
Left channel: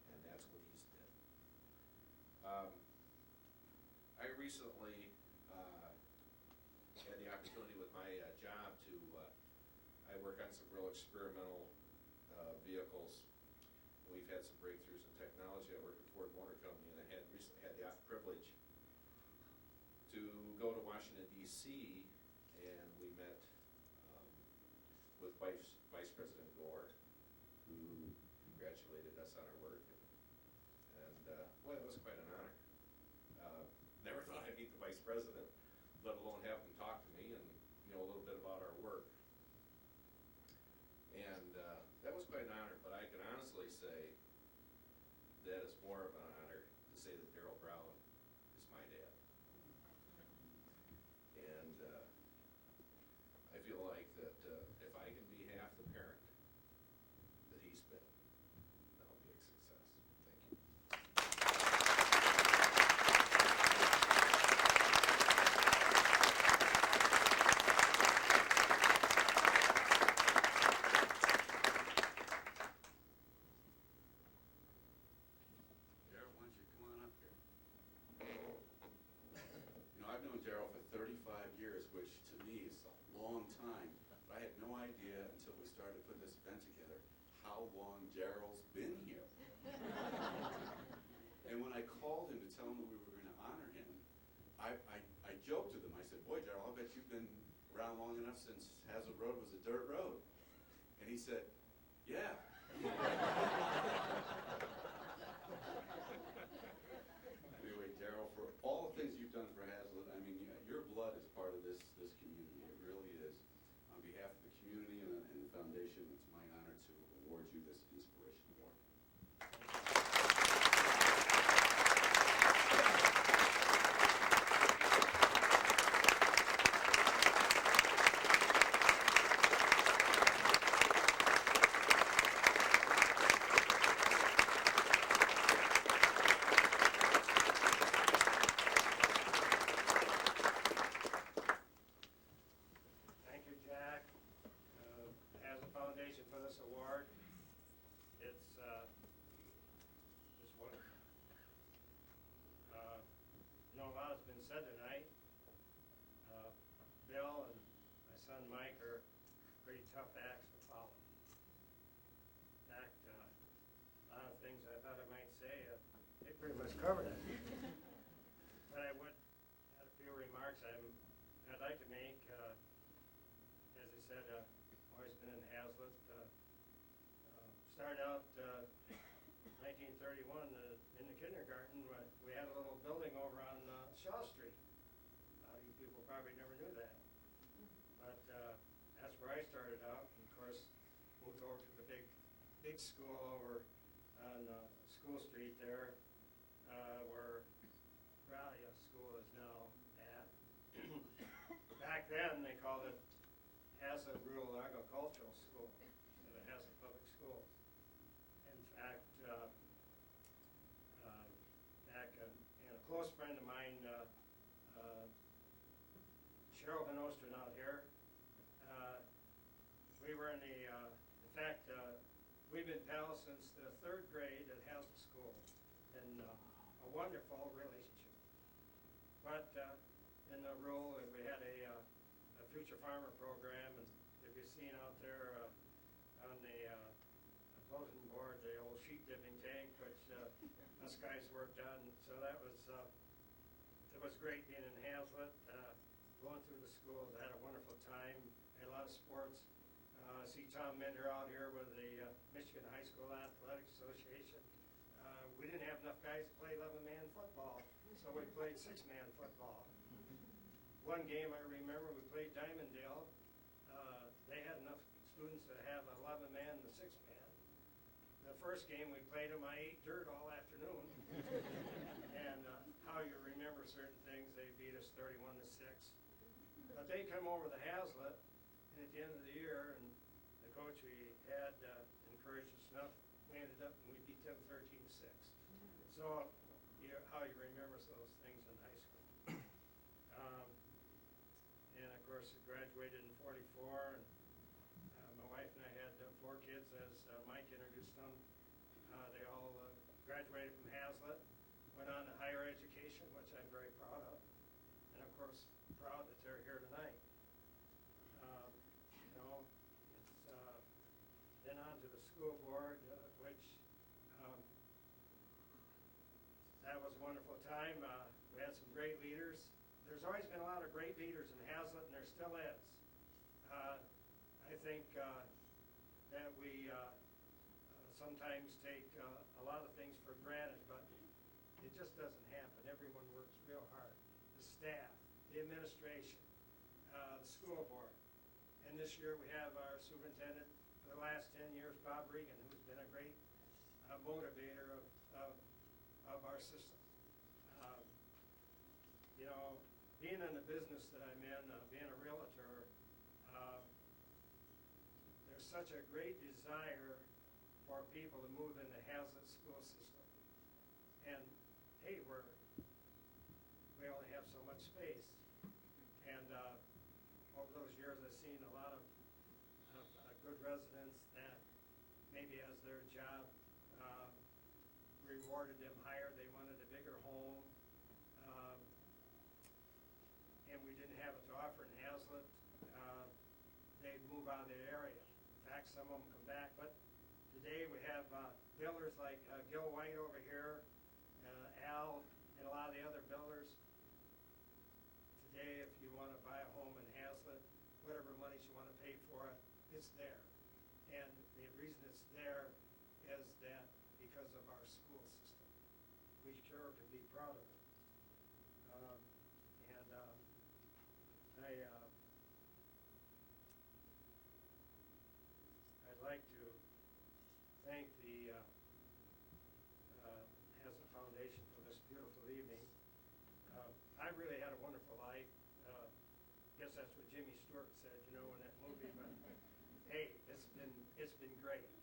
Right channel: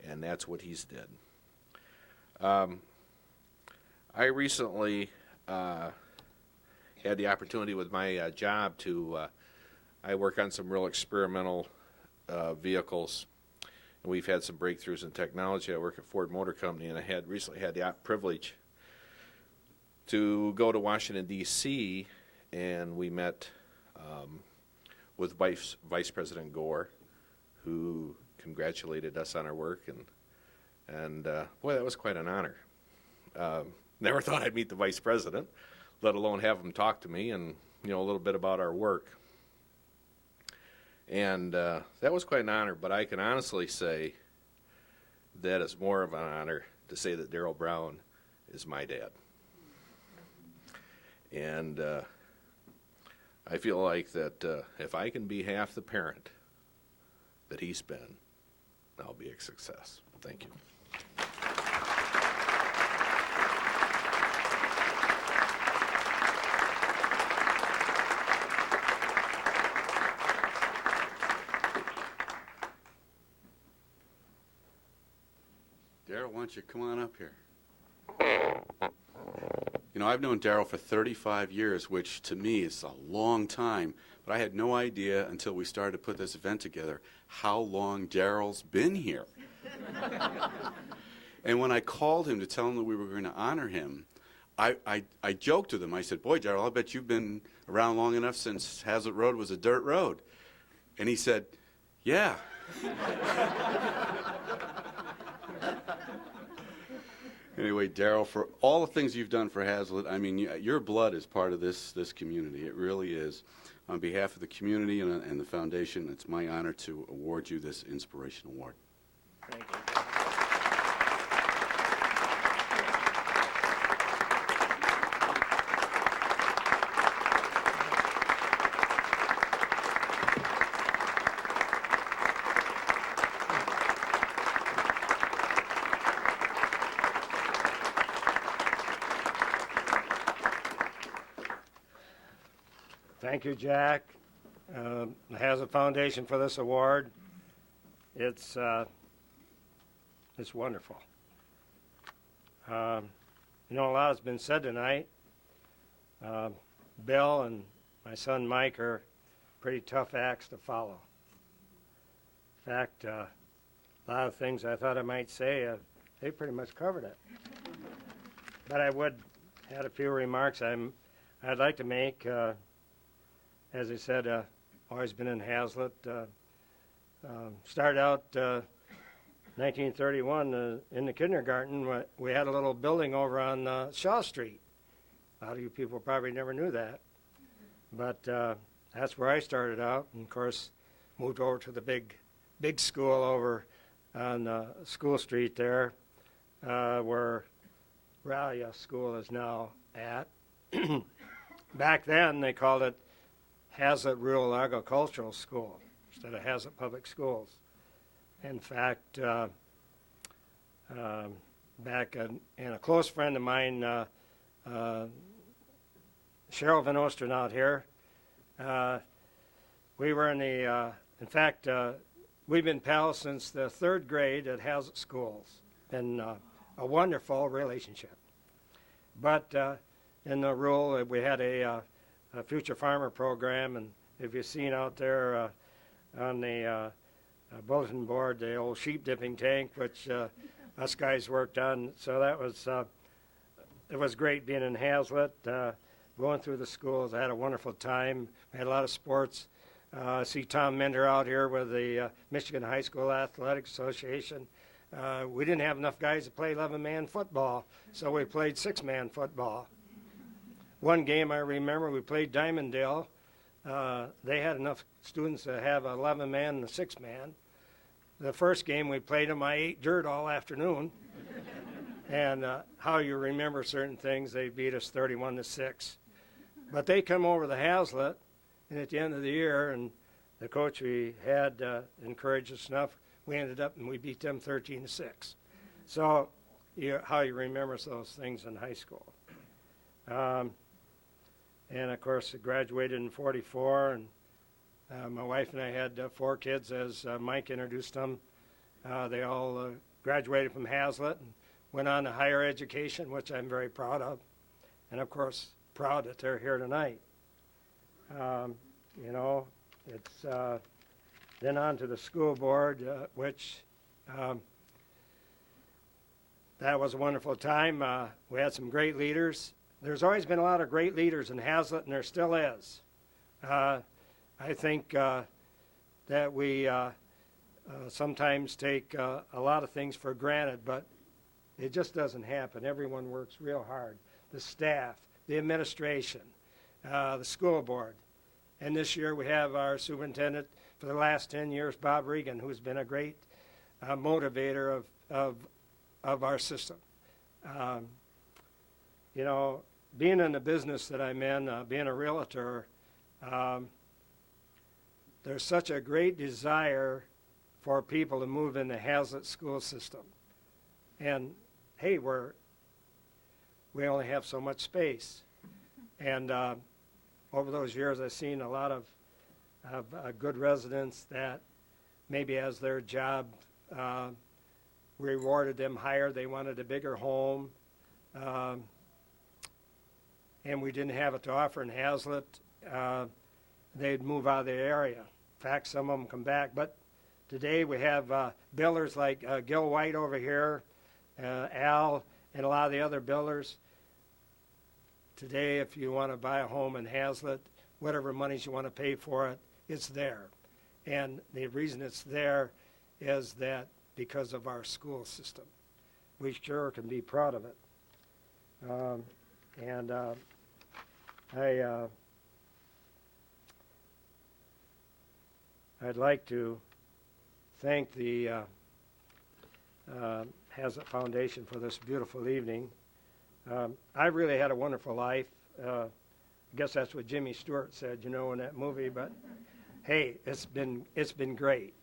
And that's what he's did. I recently had the opportunity with my job to, I work on some real experimental vehicles. And we've had some breakthroughs in technology. I work at Ford Motor Company, and I had recently had the privilege to go to Washington, D.C., and we met with Vice President Gore, who congratulated us on our work, and boy, that was quite an honor. Never thought I'd meet the Vice President, let alone have him talk to me and a little bit about our work. And that was quite an honor, but I can honestly say that it's more of an honor to say that Darrell Brown is my dad. And I feel like that if I can be half the parent that he's been, I'll be a success. Thank you. Darrell, why don't you come on up here? I've known Darrell for 35 years, which to me is a long time, but I had no idea until we started to put this event together how long Darrell's been here. And when I called him to tell him that we were going to honor him, I joked with him. I said, boy, Darrell, I bet you've been around long enough since Hazlet Road was a dirt road. And he said, yeah. Anyway, Darrell, for all the things you've done for Hazlet, I mean, your blood is part of this community. It really is. On behalf of the community and the foundation, it's my honor to award you this Inspiration Award. Thank you. Thank you, Jack. The Hazlet Foundation for this award. It's wonderful. A lot has been said tonight. Bill and my son Mike are pretty tough acts to follow. In fact, a lot of things I thought I might say, they pretty much covered it. But I would had a few remarks I'd like to make. As I said, always been in Hazlet. Started out 1931 in the kindergarten. We had a little building over on Shaw Street. A lot of you people probably never knew that. But that's where I started out, and of course moved over to the big school over on School Street there, where Ralia School is now at. Back then they called it Hazlet Rural Agricultural School instead of Hazlet Public Schools. In fact, back and a close friend of mine, Cheryl Van Osten out here, we were in the, in fact, we've been pals since the 3rd grade at Hazlet Schools. Been a wonderful relationship. But in the rural, we had a Future Farmer program, and if you've seen out there on the bulletin board, the old sheep dipping tank, which us guys worked on. So that was, it was great being in Hazlet, going through the schools. I had a wonderful time. We had a lot of sports. I see Tom Mender out here with the Michigan High School Athletic Association. We didn't have enough guys to play 11-man football, so we played 6-man football. One game I remember, we played Diamonddale. They had enough students to have an 11-man and a 6-man. The first game we played them, I ate dirt all afternoon. And how you remember certain things, they beat us 31-6. But they come over to Hazlet, and at the end of the year, and the coach we had encouraged us enough, we ended up and we beat them 13-6. So how you remember those things in high school. And of course, I graduated in '44, and my wife and I had 4 kids, as Mike introduced them. They all graduated from Hazlet and went on to higher education, which I'm very proud of, and of course, proud that they're here tonight. You know, it's then on to the school board, which that was a wonderful time. We had some great leaders. There's always been a lot of great leaders in Hazlet, and there still is. I think that we sometimes take a lot of things for granted, but it just doesn't happen. Everyone works real hard. The staff, the administration, the school board. And this year we have our superintendent for the last 10 years, Bob Regan, who's been a great motivator of our system. You know, being in the business that I'm in, being a realtor, there's such a great desire for people to move in the Hazlet school system. And hey, we only have so much space. And over those years, I've seen a lot of good residents that maybe as their job rewarded them higher, they wanted a bigger home. And we didn't have it to offer in Hazlet, they'd move out of the area. In fact, some of them come back. But today we have builders like Gil White over here, Al, and a lot of the other builders. Today, if you want to buy a home in Hazlet, whatever monies you want to pay for it, it's there. And the reason it's there is that because of our school system. We sure can be proud of it. I'd like to thank the Hazlet Foundation for this beautiful evening. I really had a wonderful life. I guess that's what Jimmy Stewart said, you know, in that movie. But hey, it's been great.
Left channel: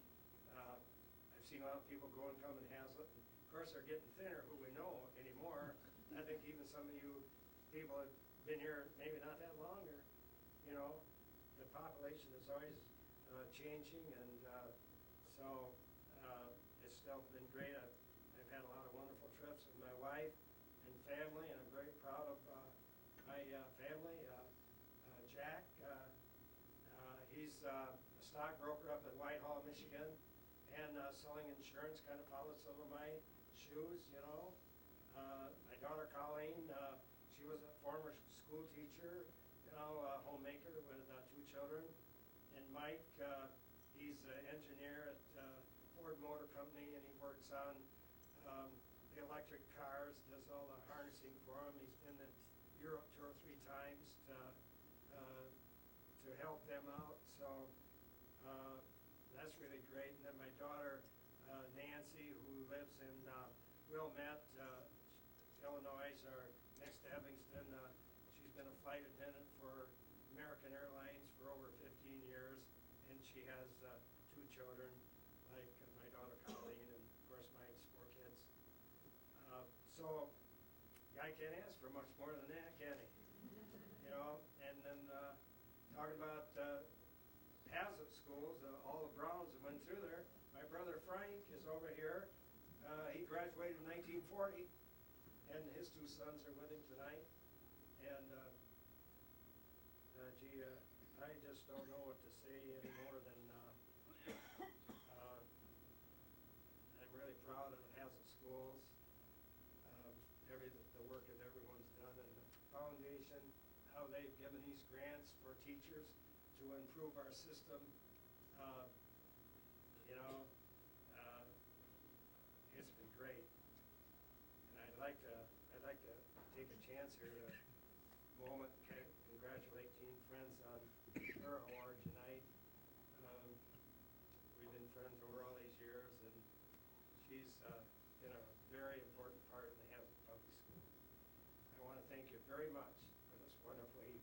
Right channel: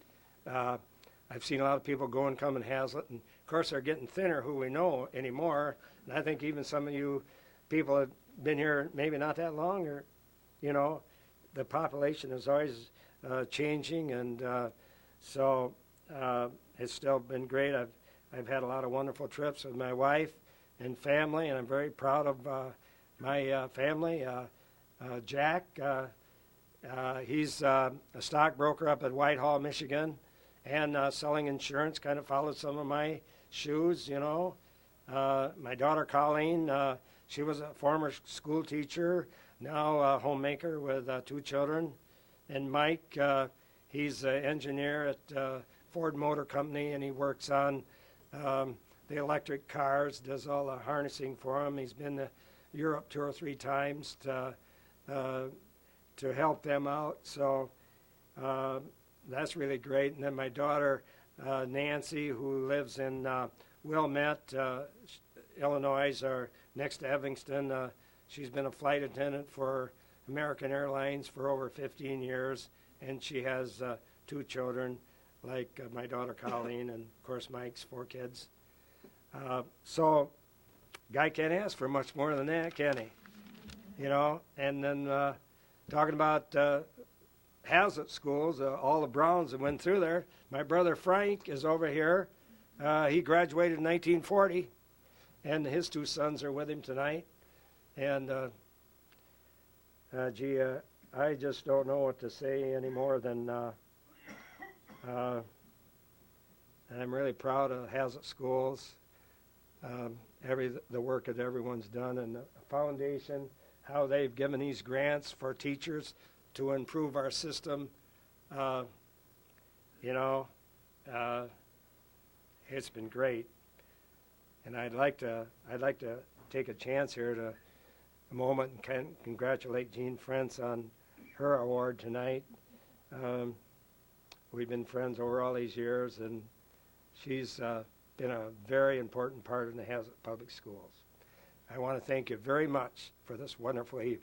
I've seen a lot of people go and come in Hazlet, and of course they're getting thinner, who we know anymore. And I think even some of you people have been here maybe not that long, or you know, the population is always changing, and so it's still been great. I've had a lot of wonderful trips with my wife and family, and I'm very proud of my family. Jack, he's a stockbroker up at Whitehall, Michigan, and selling insurance, kind of followed some of my shoes, you know. My daughter Colleen, she was a former school teacher, now a homemaker with 2 children. And Mike, he's an engineer at Ford Motor Company, and he works on the electric cars, does all the harnessing for them. He's been to Europe 2 or 3 times to help them out. So that's really great. And then my daughter Nancy, who lives in Wilmette, Illinois, or next to Evanston. She's been a flight attendant for American Airlines for over 15 years, and she has 2 children, like my daughter Colleen, and of course Mike's 4 kids. So, guy can't ask for much more than that, can he? You know, and then talking about Hazlitt schools, all the Browns that went through there. My brother Frank is over here. He graduated in 1940, and his 2 sons are with him tonight. And gee, I just don't know what to say any more than I'm really proud of Hazlitt Schools. The work that everyone's done, and the foundation, how they've given these grants for teachers to improve our system. You know, it's been great, and I'd like to take a chance here to a moment and congratulate Jean Frentz on her award tonight. We've been friends over all these years, and she's been a very important part in the Hazlitt Public Schools. I want to thank you very much for this wonderful evening.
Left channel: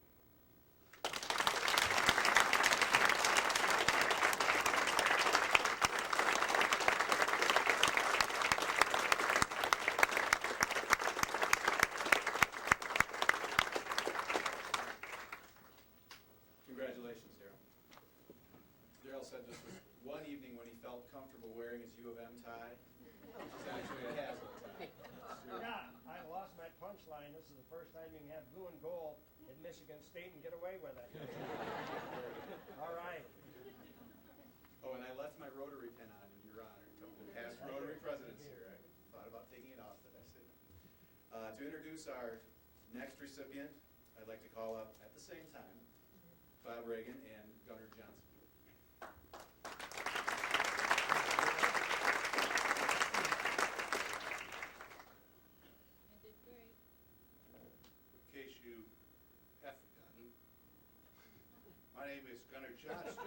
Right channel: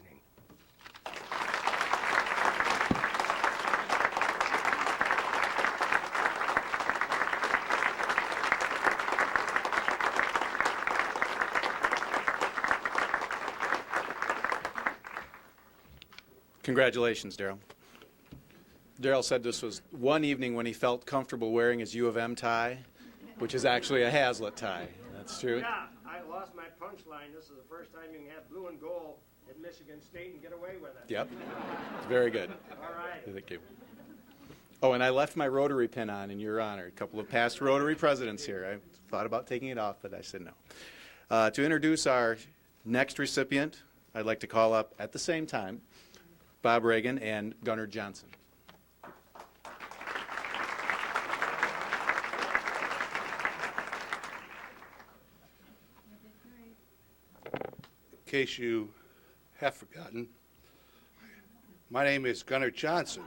Congratulations, Daryl. Daryl said this was one evening when he felt comfortable wearing his U of M tie, which is actually a Hazlitt tie. That's true. Yeah, I lost my punchline. This is the first time you can have blue and gold at Michigan State and get away with it. Yep. It's very good. All right. Thank you. Oh, and I left my Rotary pin on in your honor. A couple of past Rotary presidents here. I thought about taking it off, but I said no. To introduce our next recipient, I'd like to call up at the same time Bob Reagan and Gunnar Johnson. In case you have forgotten, my name is Gunnar Johnson.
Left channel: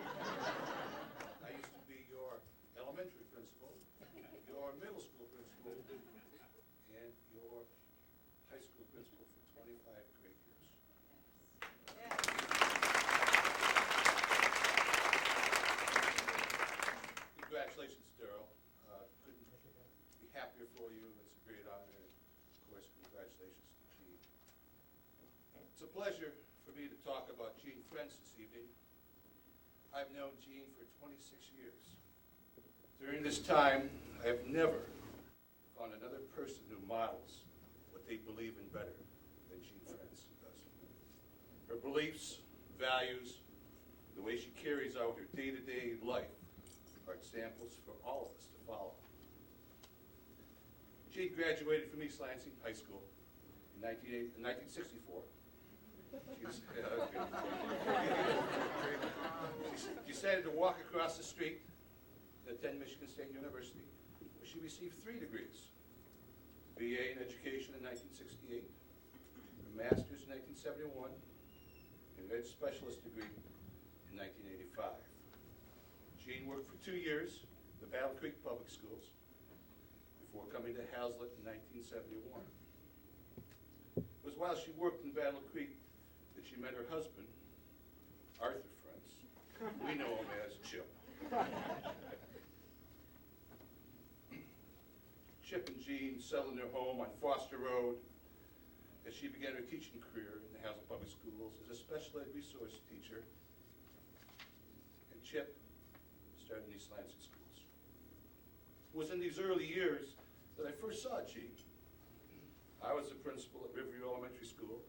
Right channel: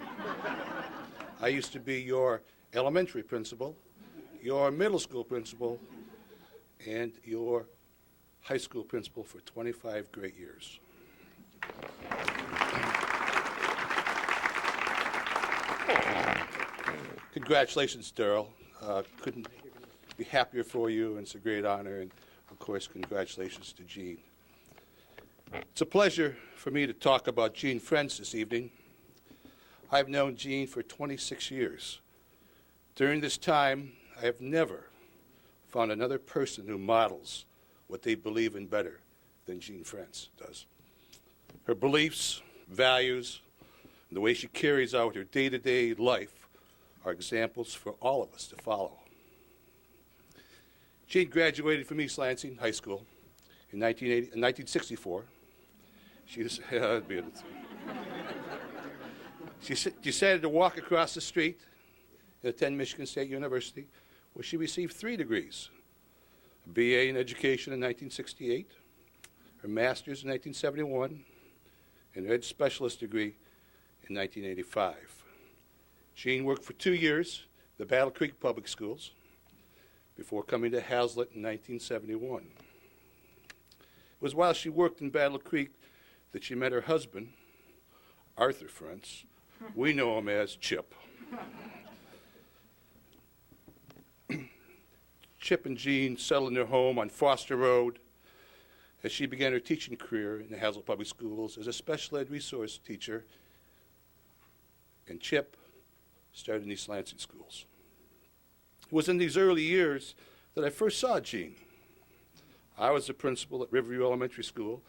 I used to be your elementary principal, your middle school principal, and your high school principal for 25 great years. Congratulations, Daryl. Couldn't be happier for you, and it's a great honor. And of course, congratulations to Jean. It's a pleasure for me to talk about Jean Frentz this evening. I've known Jean for 26 years. During this time, I have never found another person who models what they believe in better than Jean Frentz does. Her beliefs, values, and the way she carries out her day-to-day life are examples for all of us to follow. Jean graduated from East Lansing High School in 1964. She decided to walk across the street and attend Michigan State University, where she received 3 degrees: a BA in education in 1968, her master's in 1971, and her ed specialist degree in 1985. Jean worked for 2 years at the Battle Creek Public Schools before coming to Hazlitt in 1971. It was while she worked in Battle Creek that she met her husband, Arthur Frentz. We know him as Chip. Chip and Jean settled in their home on Foster Road as she began her teaching career in the Hazlitt Public Schools as a special ed resource teacher, and Chip started in East Lansing schools. It was in these early years that I first saw Jean. I was the principal at Riverview Elementary School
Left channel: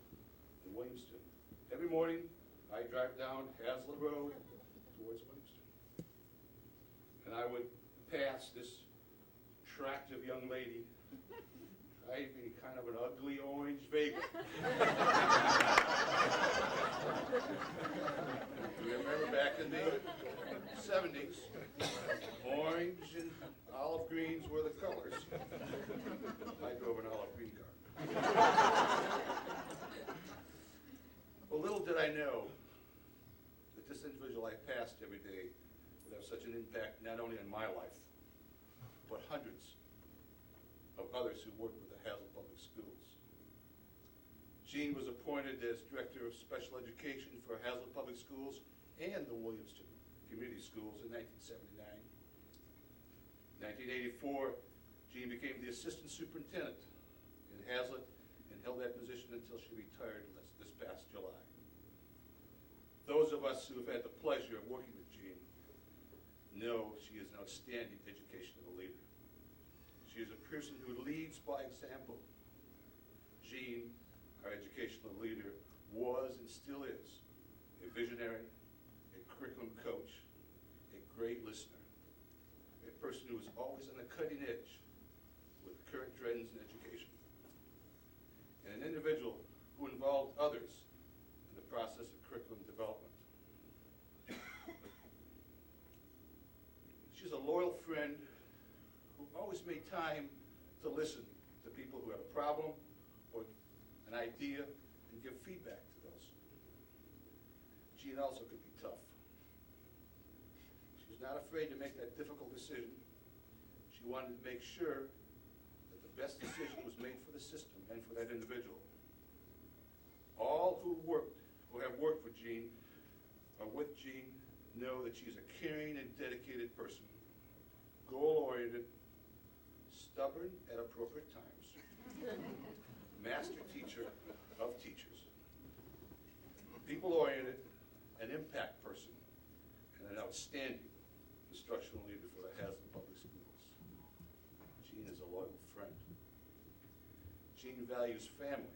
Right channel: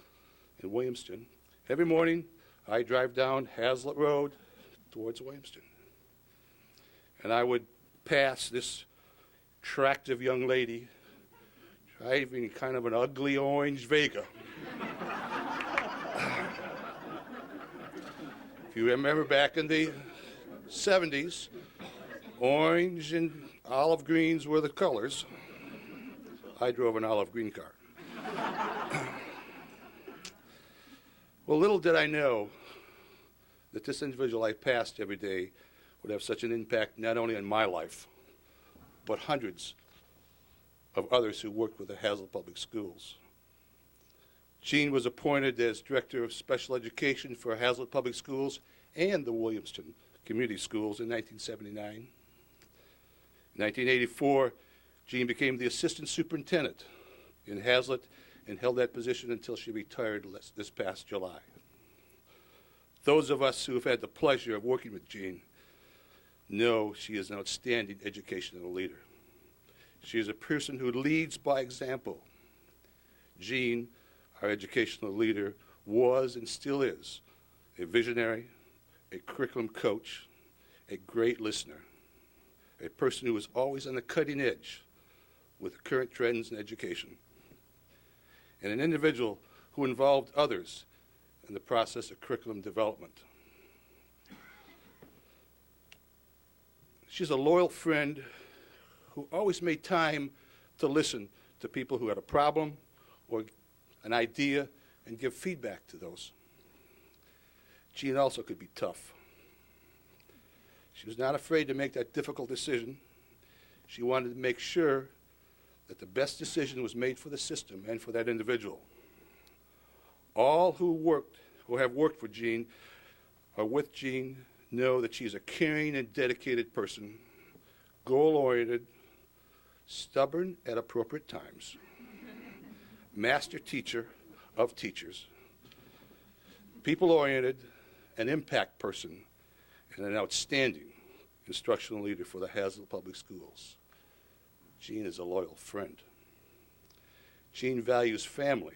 in Williamston. Every morning, I drive down Hazlitt Road towards Williamston. And I would pass this attractive young lady driving kind of an ugly orange Vega. If you remember back in the 70s, orange and olive greens were the colors. I drove an olive green car. Well, little did I know that this individual I passed every day would have such an impact not only on my life, but hundreds of others who worked with the Hazlet Public Schools. Jean was appointed as Director of Special Education for Hazlet Public Schools and the Williamston Community Schools in 1979. In 1984, Jean became the Assistant Superintendent in Hazlet and held that position until she retired this past July. Those of us who have had the pleasure of working with Jean know she is an outstanding educational leader. She is a person who leads by example. Jean, our educational leader, was and still is a visionary, a curriculum coach, a great listener, a person who is always on the cutting edge with current trends in education, and an individual who involved others in the process of curriculum development. She's a loyal friend who always made time to listen to people who had a problem or an idea and give feedback to those. Jean also could be tough. She was not afraid to make that difficult decision. She wanted to make sure that the best decision was made for the system and for that individual. All who have worked for Jean or with Jean know that she's a caring and dedicated person, goal-oriented, stubborn at appropriate times, master teacher of teachers, people-oriented, an impact person, and an outstanding instructional leader for the Hazlet Public Schools. Jean is a loyal friend. Jean values family.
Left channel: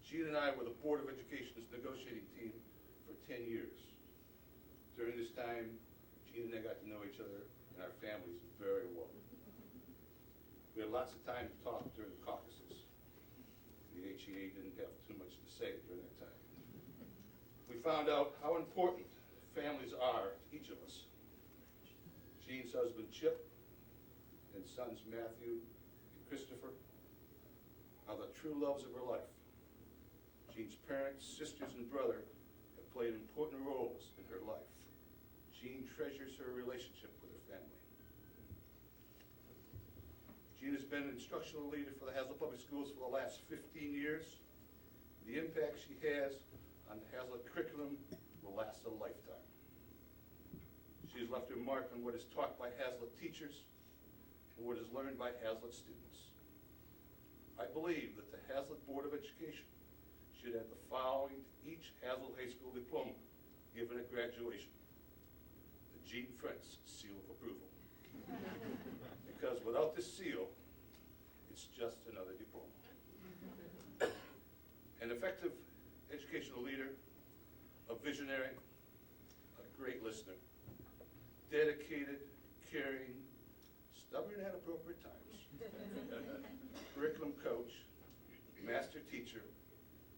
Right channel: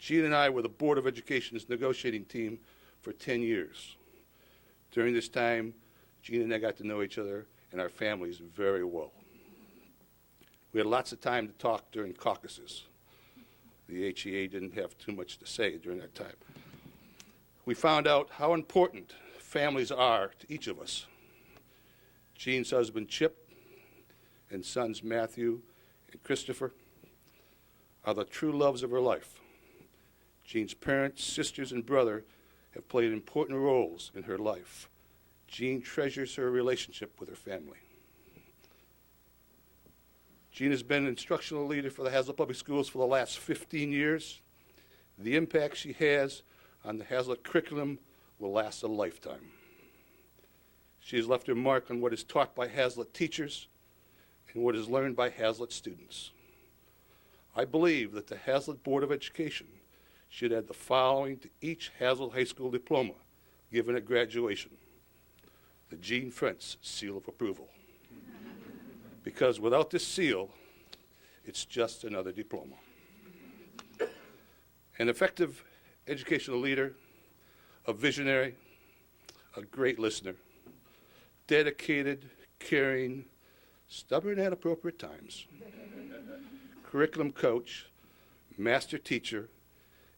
Jean and I were the Board of Education's negotiating team for 10 years. During this time, Jean and I got to know each other and our families very well. We had lots of time to talk during caucuses. The HEA didn't have too much to say during that time. We found out how important families are to each of us. Jean's husband, Chip, and sons, Matthew and Christopher, are the true loves of her life. Jean's parents, sisters, and brother have played important roles in her life. Jean treasures her relationship with her family. Jean has been an instructional leader for the Hazlet Public Schools for the last 15 years. The impact she has on the Hazlet curriculum will last a lifetime. She has left her mark on what is taught by Hazlet teachers and what is learned by Hazlet students. I believe that the Hazlet Board of Education should add the following to each Hazlet High School diploma given at graduation: the Jean Frentz seal of approval. Because without this seal, it's just another diploma. An effective educational leader, a visionary, a great listener, dedicated, caring, stubborn at appropriate times, curriculum coach, master teacher,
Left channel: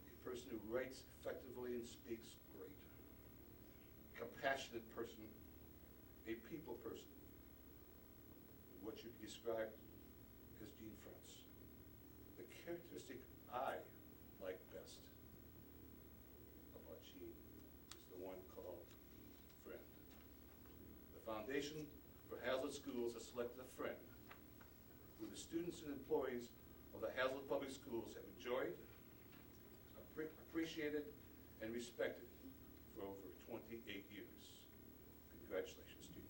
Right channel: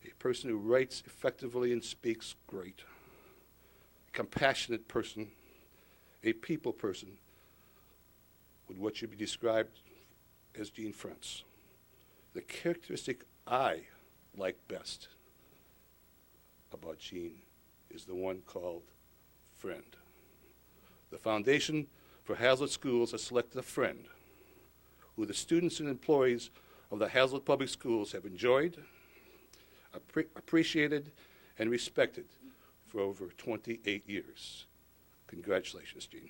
a person who writes effectively and speaks great, compassionate person, a people person, with what should be described as Jean Frentz. The characteristic I like best about Jean is the one called friend. The Foundation for Hazlet Schools has selected a friend who the students and employees of the Hazlet Public Schools have enjoyed, appreciated, and respected for over 28 years. Congratulations, Jean.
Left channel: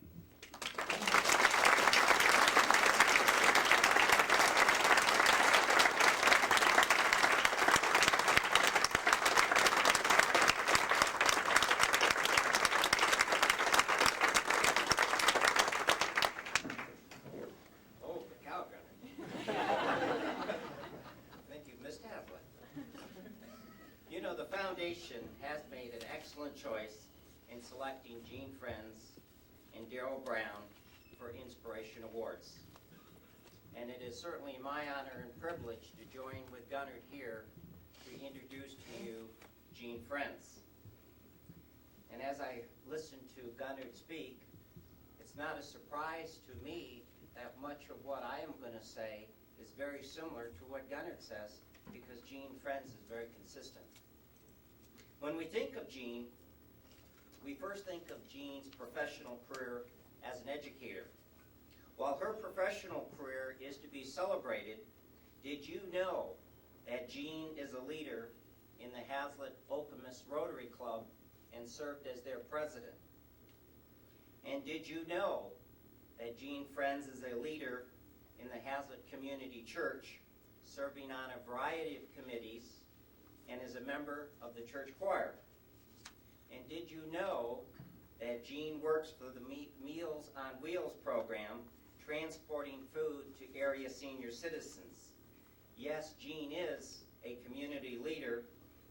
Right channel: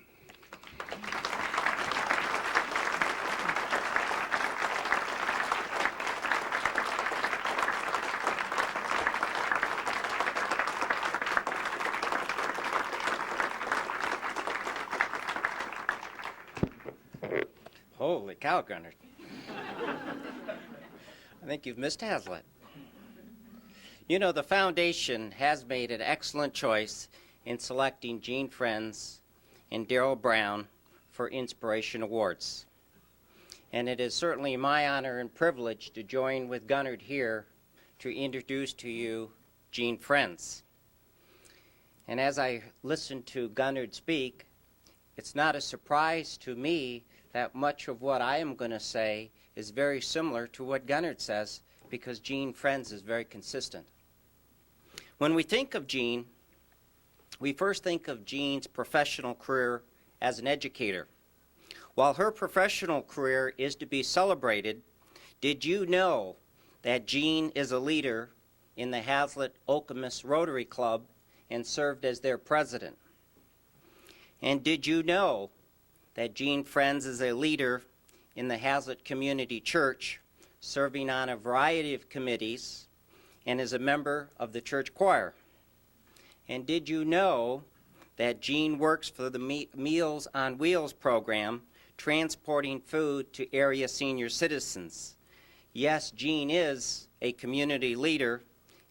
Holy cow, Gunnar. I think you've missed Hazlet. You know, the foundation has made an excellent choice in selecting Jean Frentz and Darrell Brown for Inspiration Awards. and it is certainly my honor and privilege to join with Gunnard here to introduce to you Gene Friends. And as I listen to Gunnard speak, it's not a surprise to me that much of what I am going to say is very similar to what Gunnard says, because Gene Friends is very consistent. When we think of Gene, we first think of Jean's professional career as an educator. While her professional career is to be celebrated, did you know that Gene is a leader in the Hazlet-Okemos Rotary Club and served as their president? And did you know that Gene Friends is a leader in the Hazlet Community Church, serving on a variety of committees, and is a member of the church choir? And did you know that Gene works for the Meals on Wheels program, transporting food to area senior citizens? Yes, Gene is a community leader,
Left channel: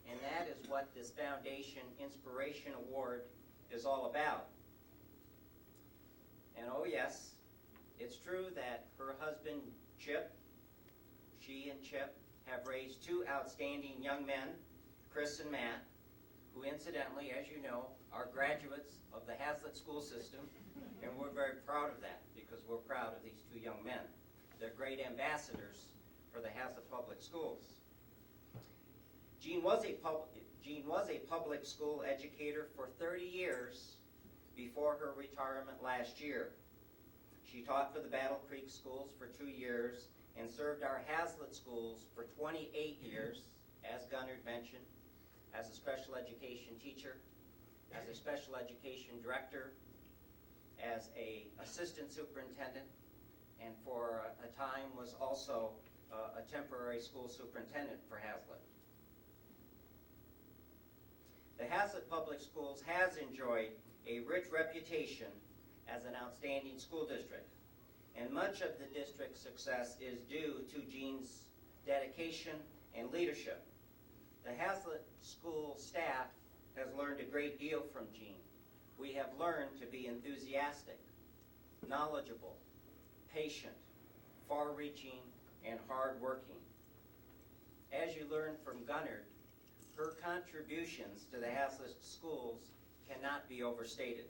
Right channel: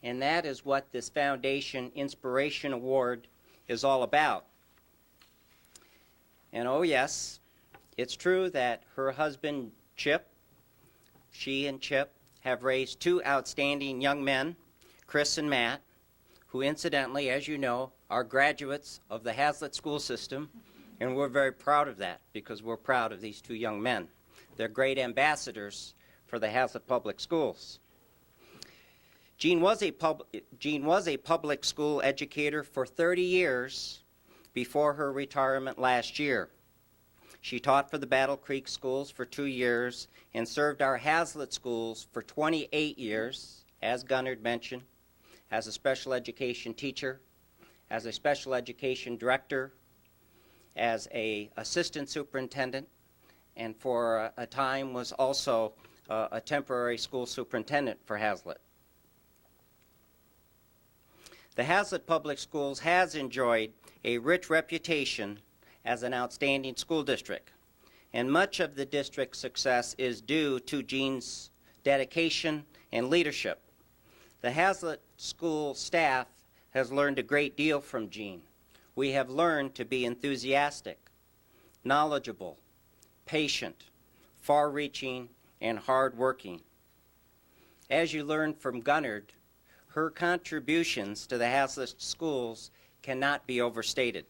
and that is what this Foundation Inspiration Award is all about. And oh yes, it's true that her husband, Chip, she and Chip have raised two outstanding young men, Chris and Matt, who incidentally, as you know, are graduates of the Hazlet school system, and we're very proud of that because we're proud of these two young men. They're great ambassadors for the Hazlet Public Schools. Gene was a public school educator for 30 years before her retirement last year. She taught for the Battle Creek schools for 2 years and served our Hazlet schools for 28 years, as Gunnard mentioned, as a special education teacher, as a special education director, as an assistant superintendent, and for a time was also a temporary school superintendent for Hazlet. The Hazlet Public Schools has enjoyed a rich reputation as an outstanding school district, and much of the district's success is due to Gene's dedication and leadership. The Hazlet school staff has learned a great deal from Gene. We have learned to be enthusiastic, knowledgeable, patient, far-reaching, and hard-working. As you learned from Gunnard, her contributions to the Hazlet schools cannot be overstated.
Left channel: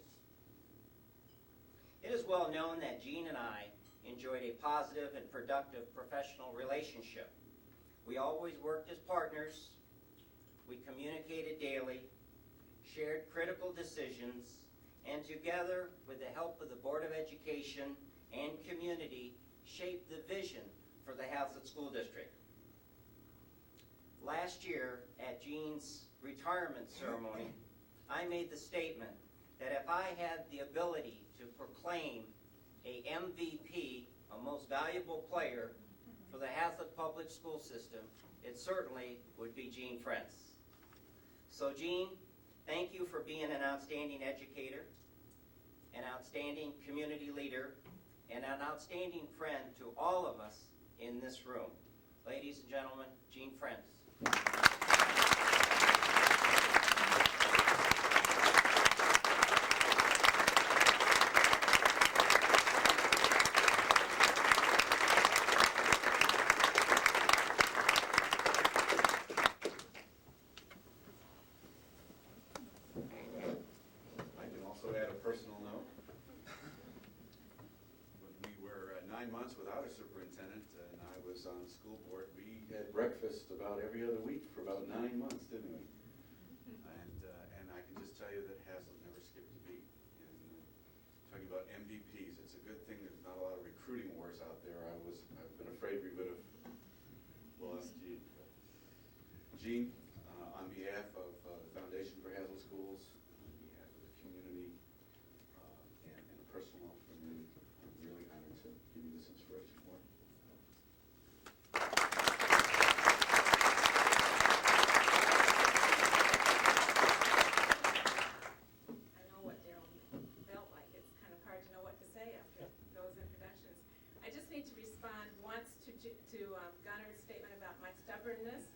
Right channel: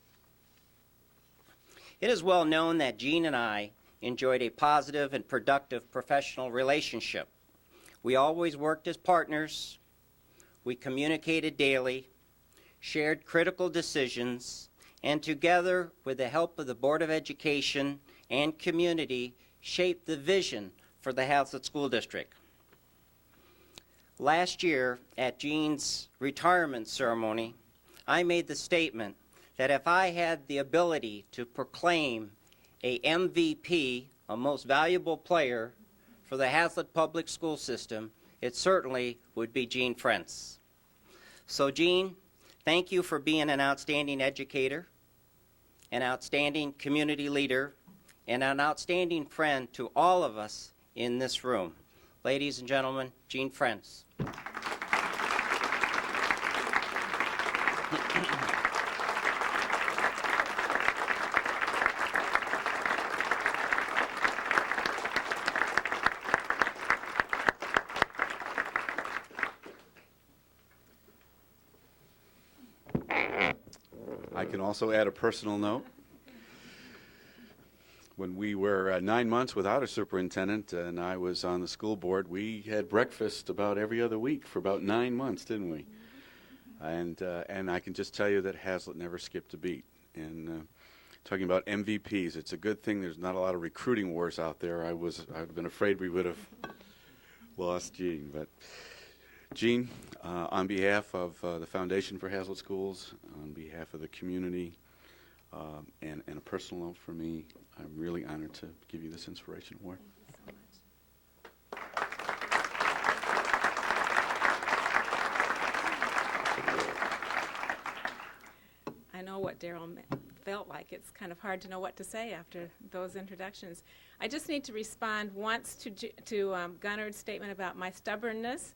It is well known that Gene and I enjoyed a positive and productive professional relationship. We always worked as partners, we communicated daily, shared critical decisions, and together, with the help of the Board of Education and community, shaped the vision for the Hazlet School District. Last year, at Gene's retirement ceremony, I made the statement that if I had the ability to proclaim a MVP, a most valuable player, for the Hazlet Public School System, it certainly would be Gene Friends. So Gene, thank you for being an outstanding educator, an outstanding community leader, and an outstanding friend to all of us in this room. Ladies and gentlemen, Gene Friends. I can also add a personal note. When we were 9 months without a superintendent and I was on the school board, we had breakfast about every other week for about 9 months, didn't we? And I can just tell you that Hazlet never skipped a beat. And talking about MVPs, it's a good thing there's not a lot of recruiting wars out there. I've been afraid we would have lost Gene. But Gene, on behalf of the Foundation for Hazlet Schools, on behalf of the community, and a personal note for me, I'm really honored to give you this inspiration award. I know what Daryl felt like. It's kind of hard to know what to say after those introductions. I just need to respond once to Gunnard's statement about my stubbornness.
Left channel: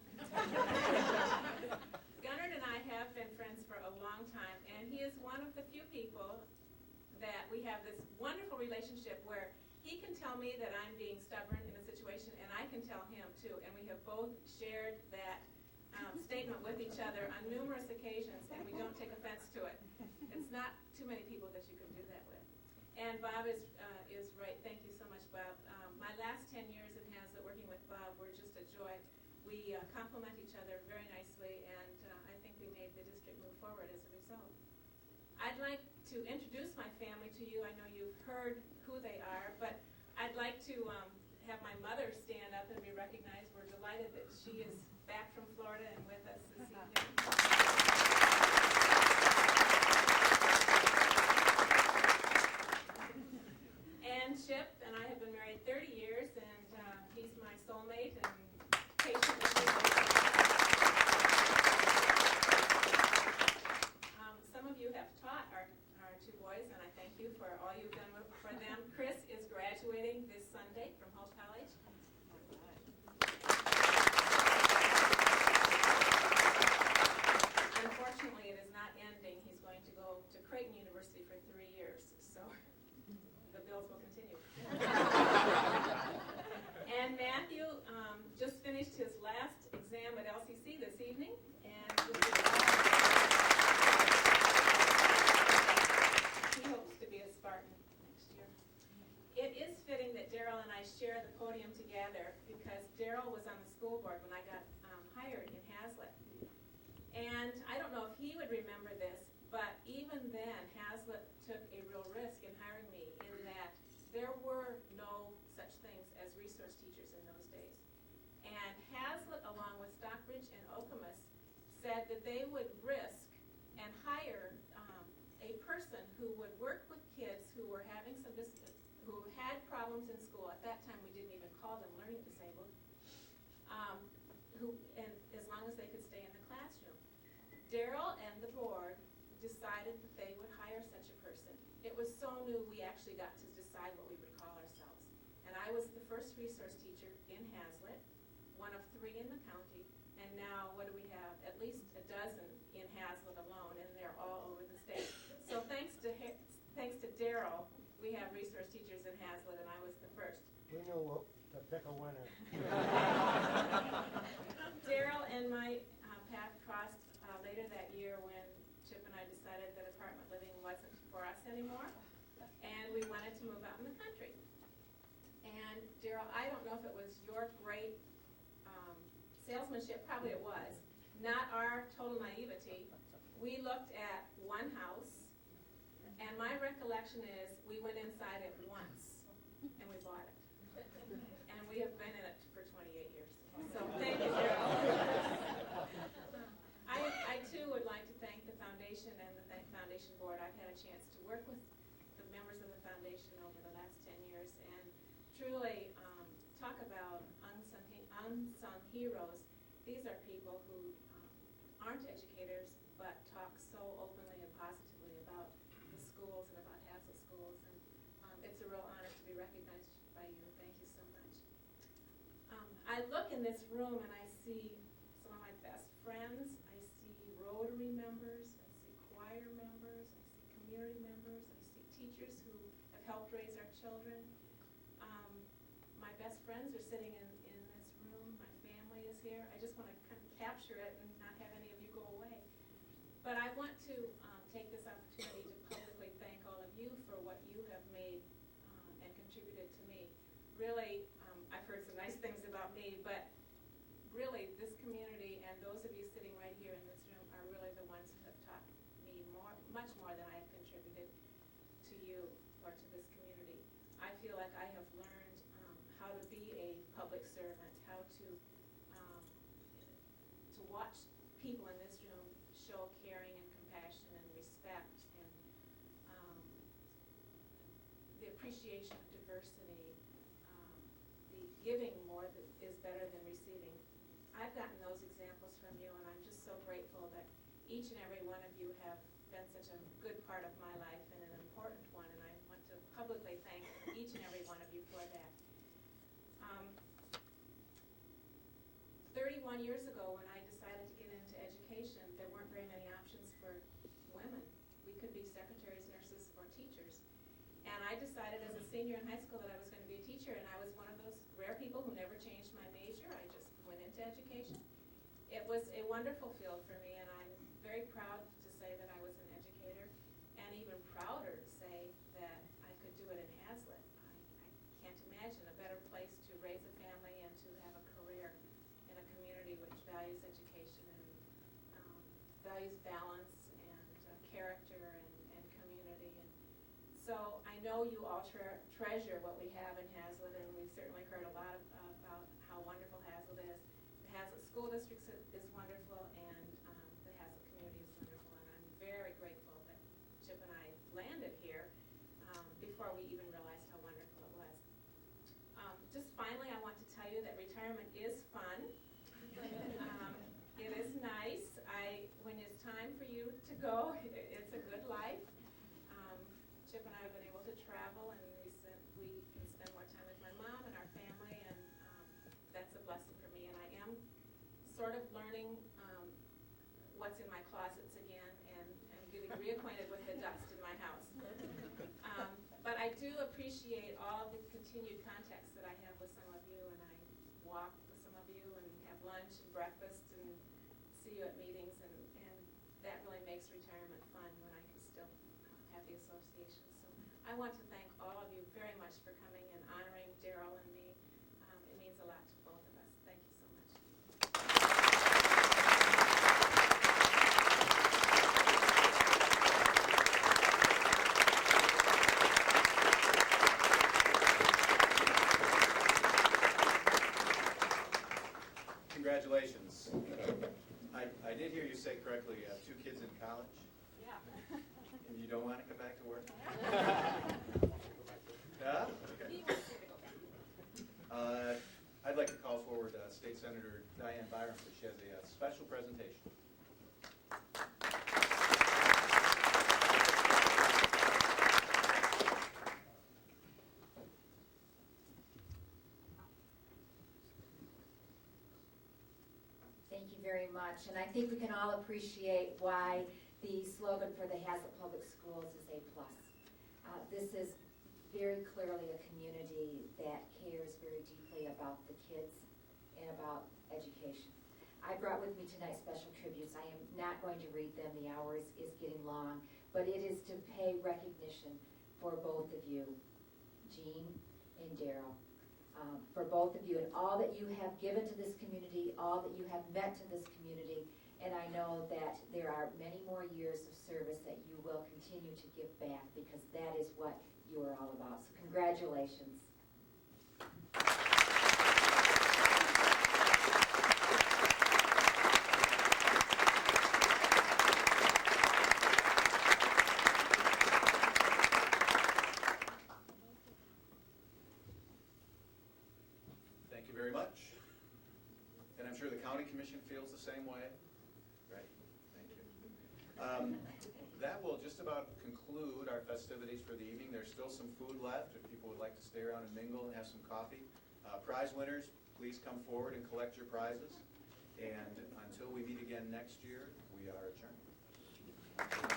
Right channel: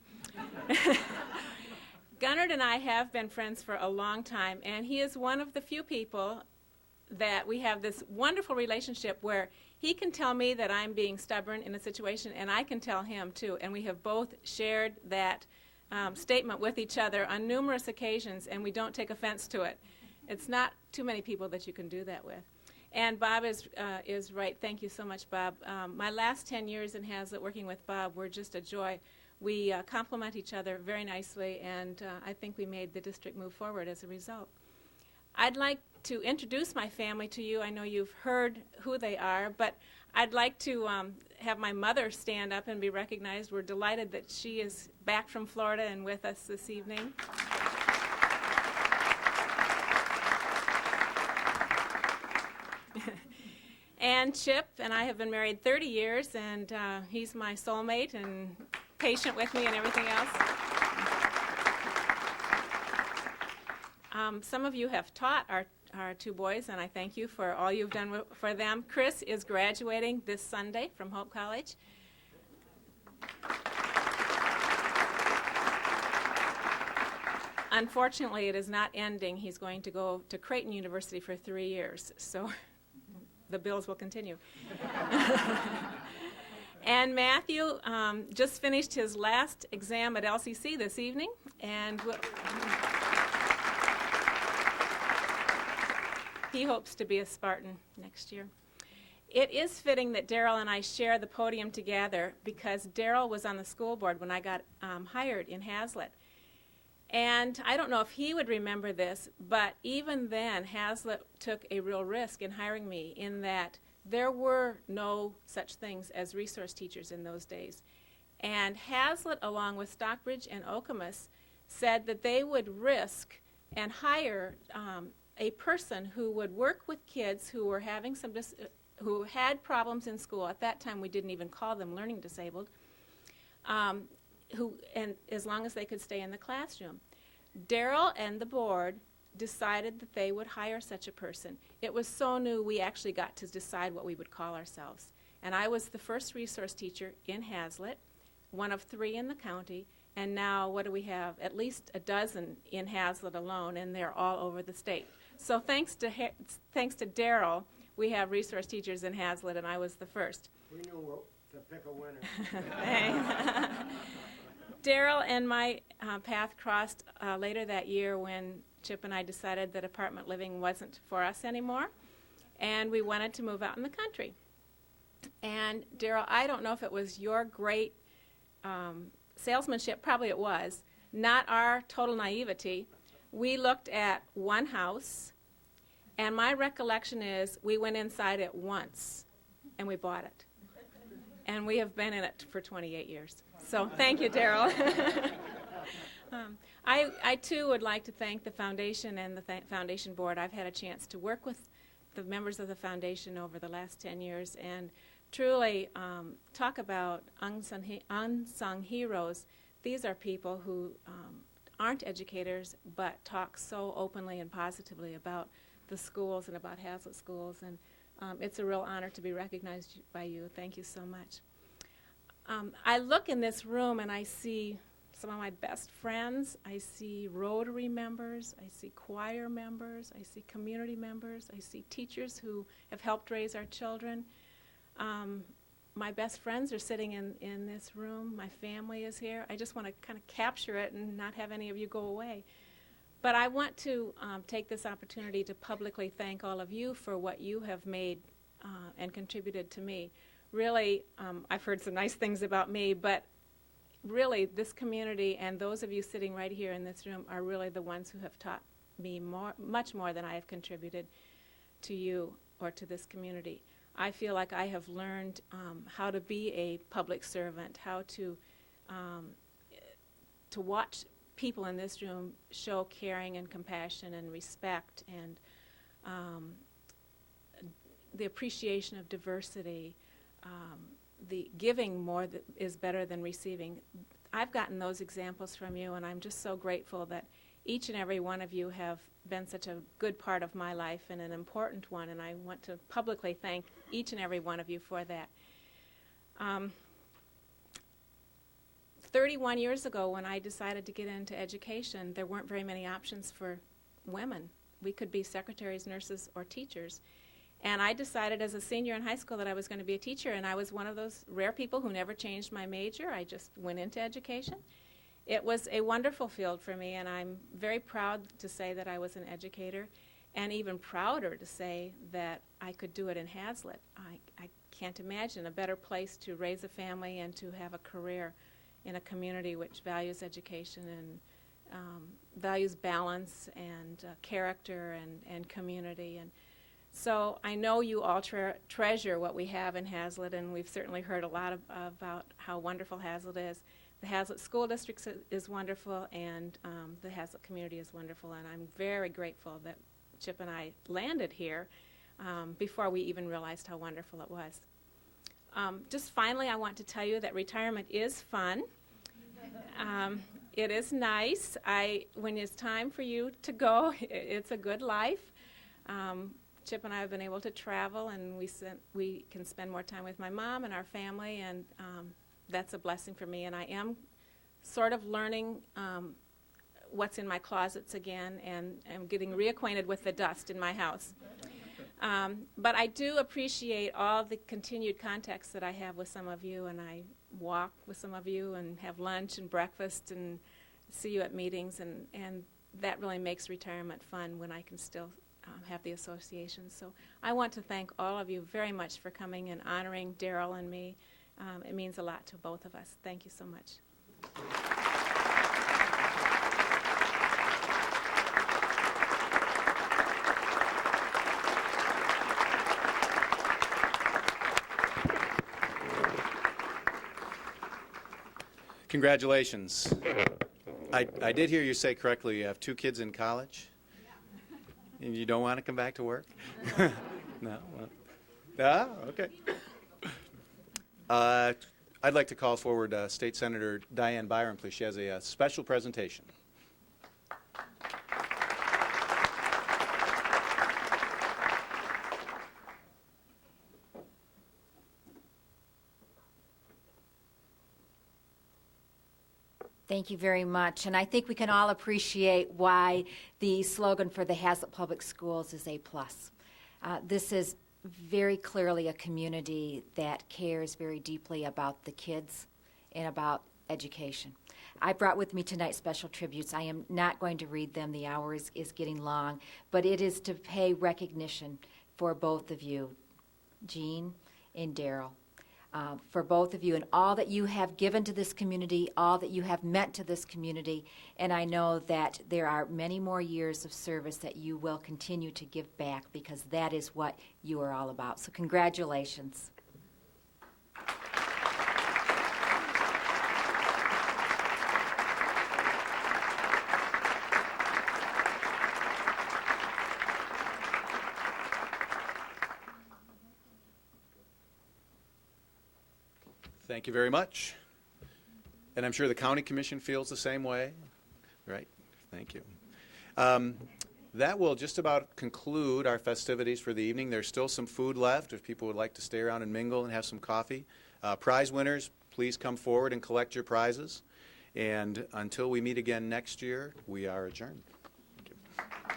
Gunnard and I have been friends for a long time, and he is one of the few people that we have this wonderful relationship where he can tell me that I'm being stubborn in a situation, and I can tell him too. And we have both shared that statement with each other on numerous occasions, and we don't take offense to it. It's not too many people that you can do that with. And Bob is right. Thank you so much, Bob. My last 10 years in Hazlitt working with Bob were just a joy. We complement each other very nicely, and I think we made the district move forward as a result. I'd like to introduce my family to you. I know you've heard who they are, but I'd like to have my mother stand up and be recognized. We're delighted that she is back from Florida and with us this evening. And Chip and I have been married 30 years, and he's my soulmate and patient with me and everything else. Some of you have taught our two boys, and I thank you for all you've done for them. Chris is graduating this Sunday from Hope College. Unfortunately, it is not ending. He's going to go to Creighton University for 3 years, so the bills will continue. And Matthew just finished his last exam at LCC this evening, and he hopes to be a Spartan next year. It is fitting that Daryl and I share the podium together because Daryl was on the school board when I got hired in Hazlitt. And I don't know if he would remember this, but even then, Hazlitt took a real risk in hiring me in that there were no such things as resource teachers in those days. And Hazlitt, along with Stockbridge and Okemos, said that they would risk and hire a person who would work with kids who were having who had problems in school. At that time, we didn't even call them learning disabled. And as long as they could stay in the classroom. Daryl and the board decided that they would hire such a person. It was so new, we actually got to decide what we would call ourselves. And I was the first resource teacher in Hazlitt, one of 3 in the county, and now what do we have? At least a dozen in Hazlitt alone, and they're all over the state. So thanks to Daryl, we have resource teachers in Hazlitt, and I was the first. We knew to pick a winner. Daryl and my path crossed later that year when Chip and I decided that apartment living wasn't for us anymore, and we wanted to move out in the country. And Daryl, I don't know if it was your great salesmanship, probably it was, not our total naivety. We looked at one house, and my recollection is we went inside it once, and we bought it. And we have been in it for 28 years. So thank you, Daryl. I too would like to thank the foundation and the foundation board. I've had a chance to work with the members of the foundation over the last 10 years and truly talk about unsung heroes. These are people who aren't educators but talk so openly and positively about the schools and about Hazlitt schools, and it's a real honor to be recognized by you. Thank you so much. I look in this room and I see some of my best friends. I see Rotary members. I see choir members. I see community members. I see teachers who have helped raise our children. My best friends are sitting in this room. My family is here. I just want to kind of capture it and not have any of you go away. But I want to take this opportunity to publicly thank all of you for what you have made and contributed to me. Really, I've heard some nice things about me, but really this community and those of you sitting right here in this room are really the ones who have taught me much more than I have contributed to you or to this community. I feel like I have learned how to be a public servant, how to watch people in this room show caring and compassion and respect and the appreciation of diversity, the giving more is better than receiving. I've gotten those examples from you, and I'm just so grateful that each and every one of you have been such a good part of my life and an important one, and I want to publicly thank each and every one of you for that. 31 years ago, when I decided to get into education, there weren't very many options for women we could be secretaries, nurses, or teachers. And I decided as a senior in high school that I was going to be a teacher, and I was one of those rare people who never changed my major. I just went into education. It was a wonderful field for me, and I'm very proud to say that I was an educator, and even prouder to say that I could do it in Hazlitt. I can't imagine a better place to raise a family and to have a career in a community which values education and values balance and character and community. And so I know you all treasure what we have in Hazlitt, and we've certainly heard a lot about how wonderful Hazlitt is. The Hazlitt School District is wonderful, and the Hazlitt community is wonderful, and I'm very grateful that Chip and I landed here before we even realized how wonderful it was. Just finally, I want to tell you that retirement is fun. It is nice. When it's time for you to go, it's a good life. Chip and I have been able to travel, and we can spend more time with my mom and our family, and that's a blessing for me. And I am sort of learning what's in my closets again, and I'm getting reacquainted with the dust in my house. But I do appreciate all the continued contacts that I have with some of you, and I walk with some of you and have lunch and breakfast and see you at meetings, and that really makes retirement fun when I can still have the association. So I want to thank all of you very much for coming and honoring Darrell and me. It means a lot to both of us. Thank you so much. Congratulations. I did hear you say correctly you have 2 kids in college? Yeah. And you don't want to come back to work? No? Ah, okay. I'd like to call forward State Senator Diane Byram, please. She has a special presentation. Thank you very much. And I think we can all appreciate why the slogan for the Hazlitt Public Schools is A+. This is very clearly a community that cares very deeply about the kids and about education. I brought with me tonight special tributes. I am not going to read them. The hour is getting long. But it is to pay recognition for both of you, Jean and Darrell. For both of you and all that you have given to this community, all that you have meant to this community, and I know that there are many more years of service that you will continue to give back, because that is what you are all about. So congratulations. Thank you very much. And I'm sure the County Commission feels the same way. Right? Thank you. That will just about conclude our festivities for the evening. There's still some food left if people would like to stay around and mingle and have some coffee. Prize winners, please come forward and collect your prizes. And until we meet again next year, we are adjourned. Thank you.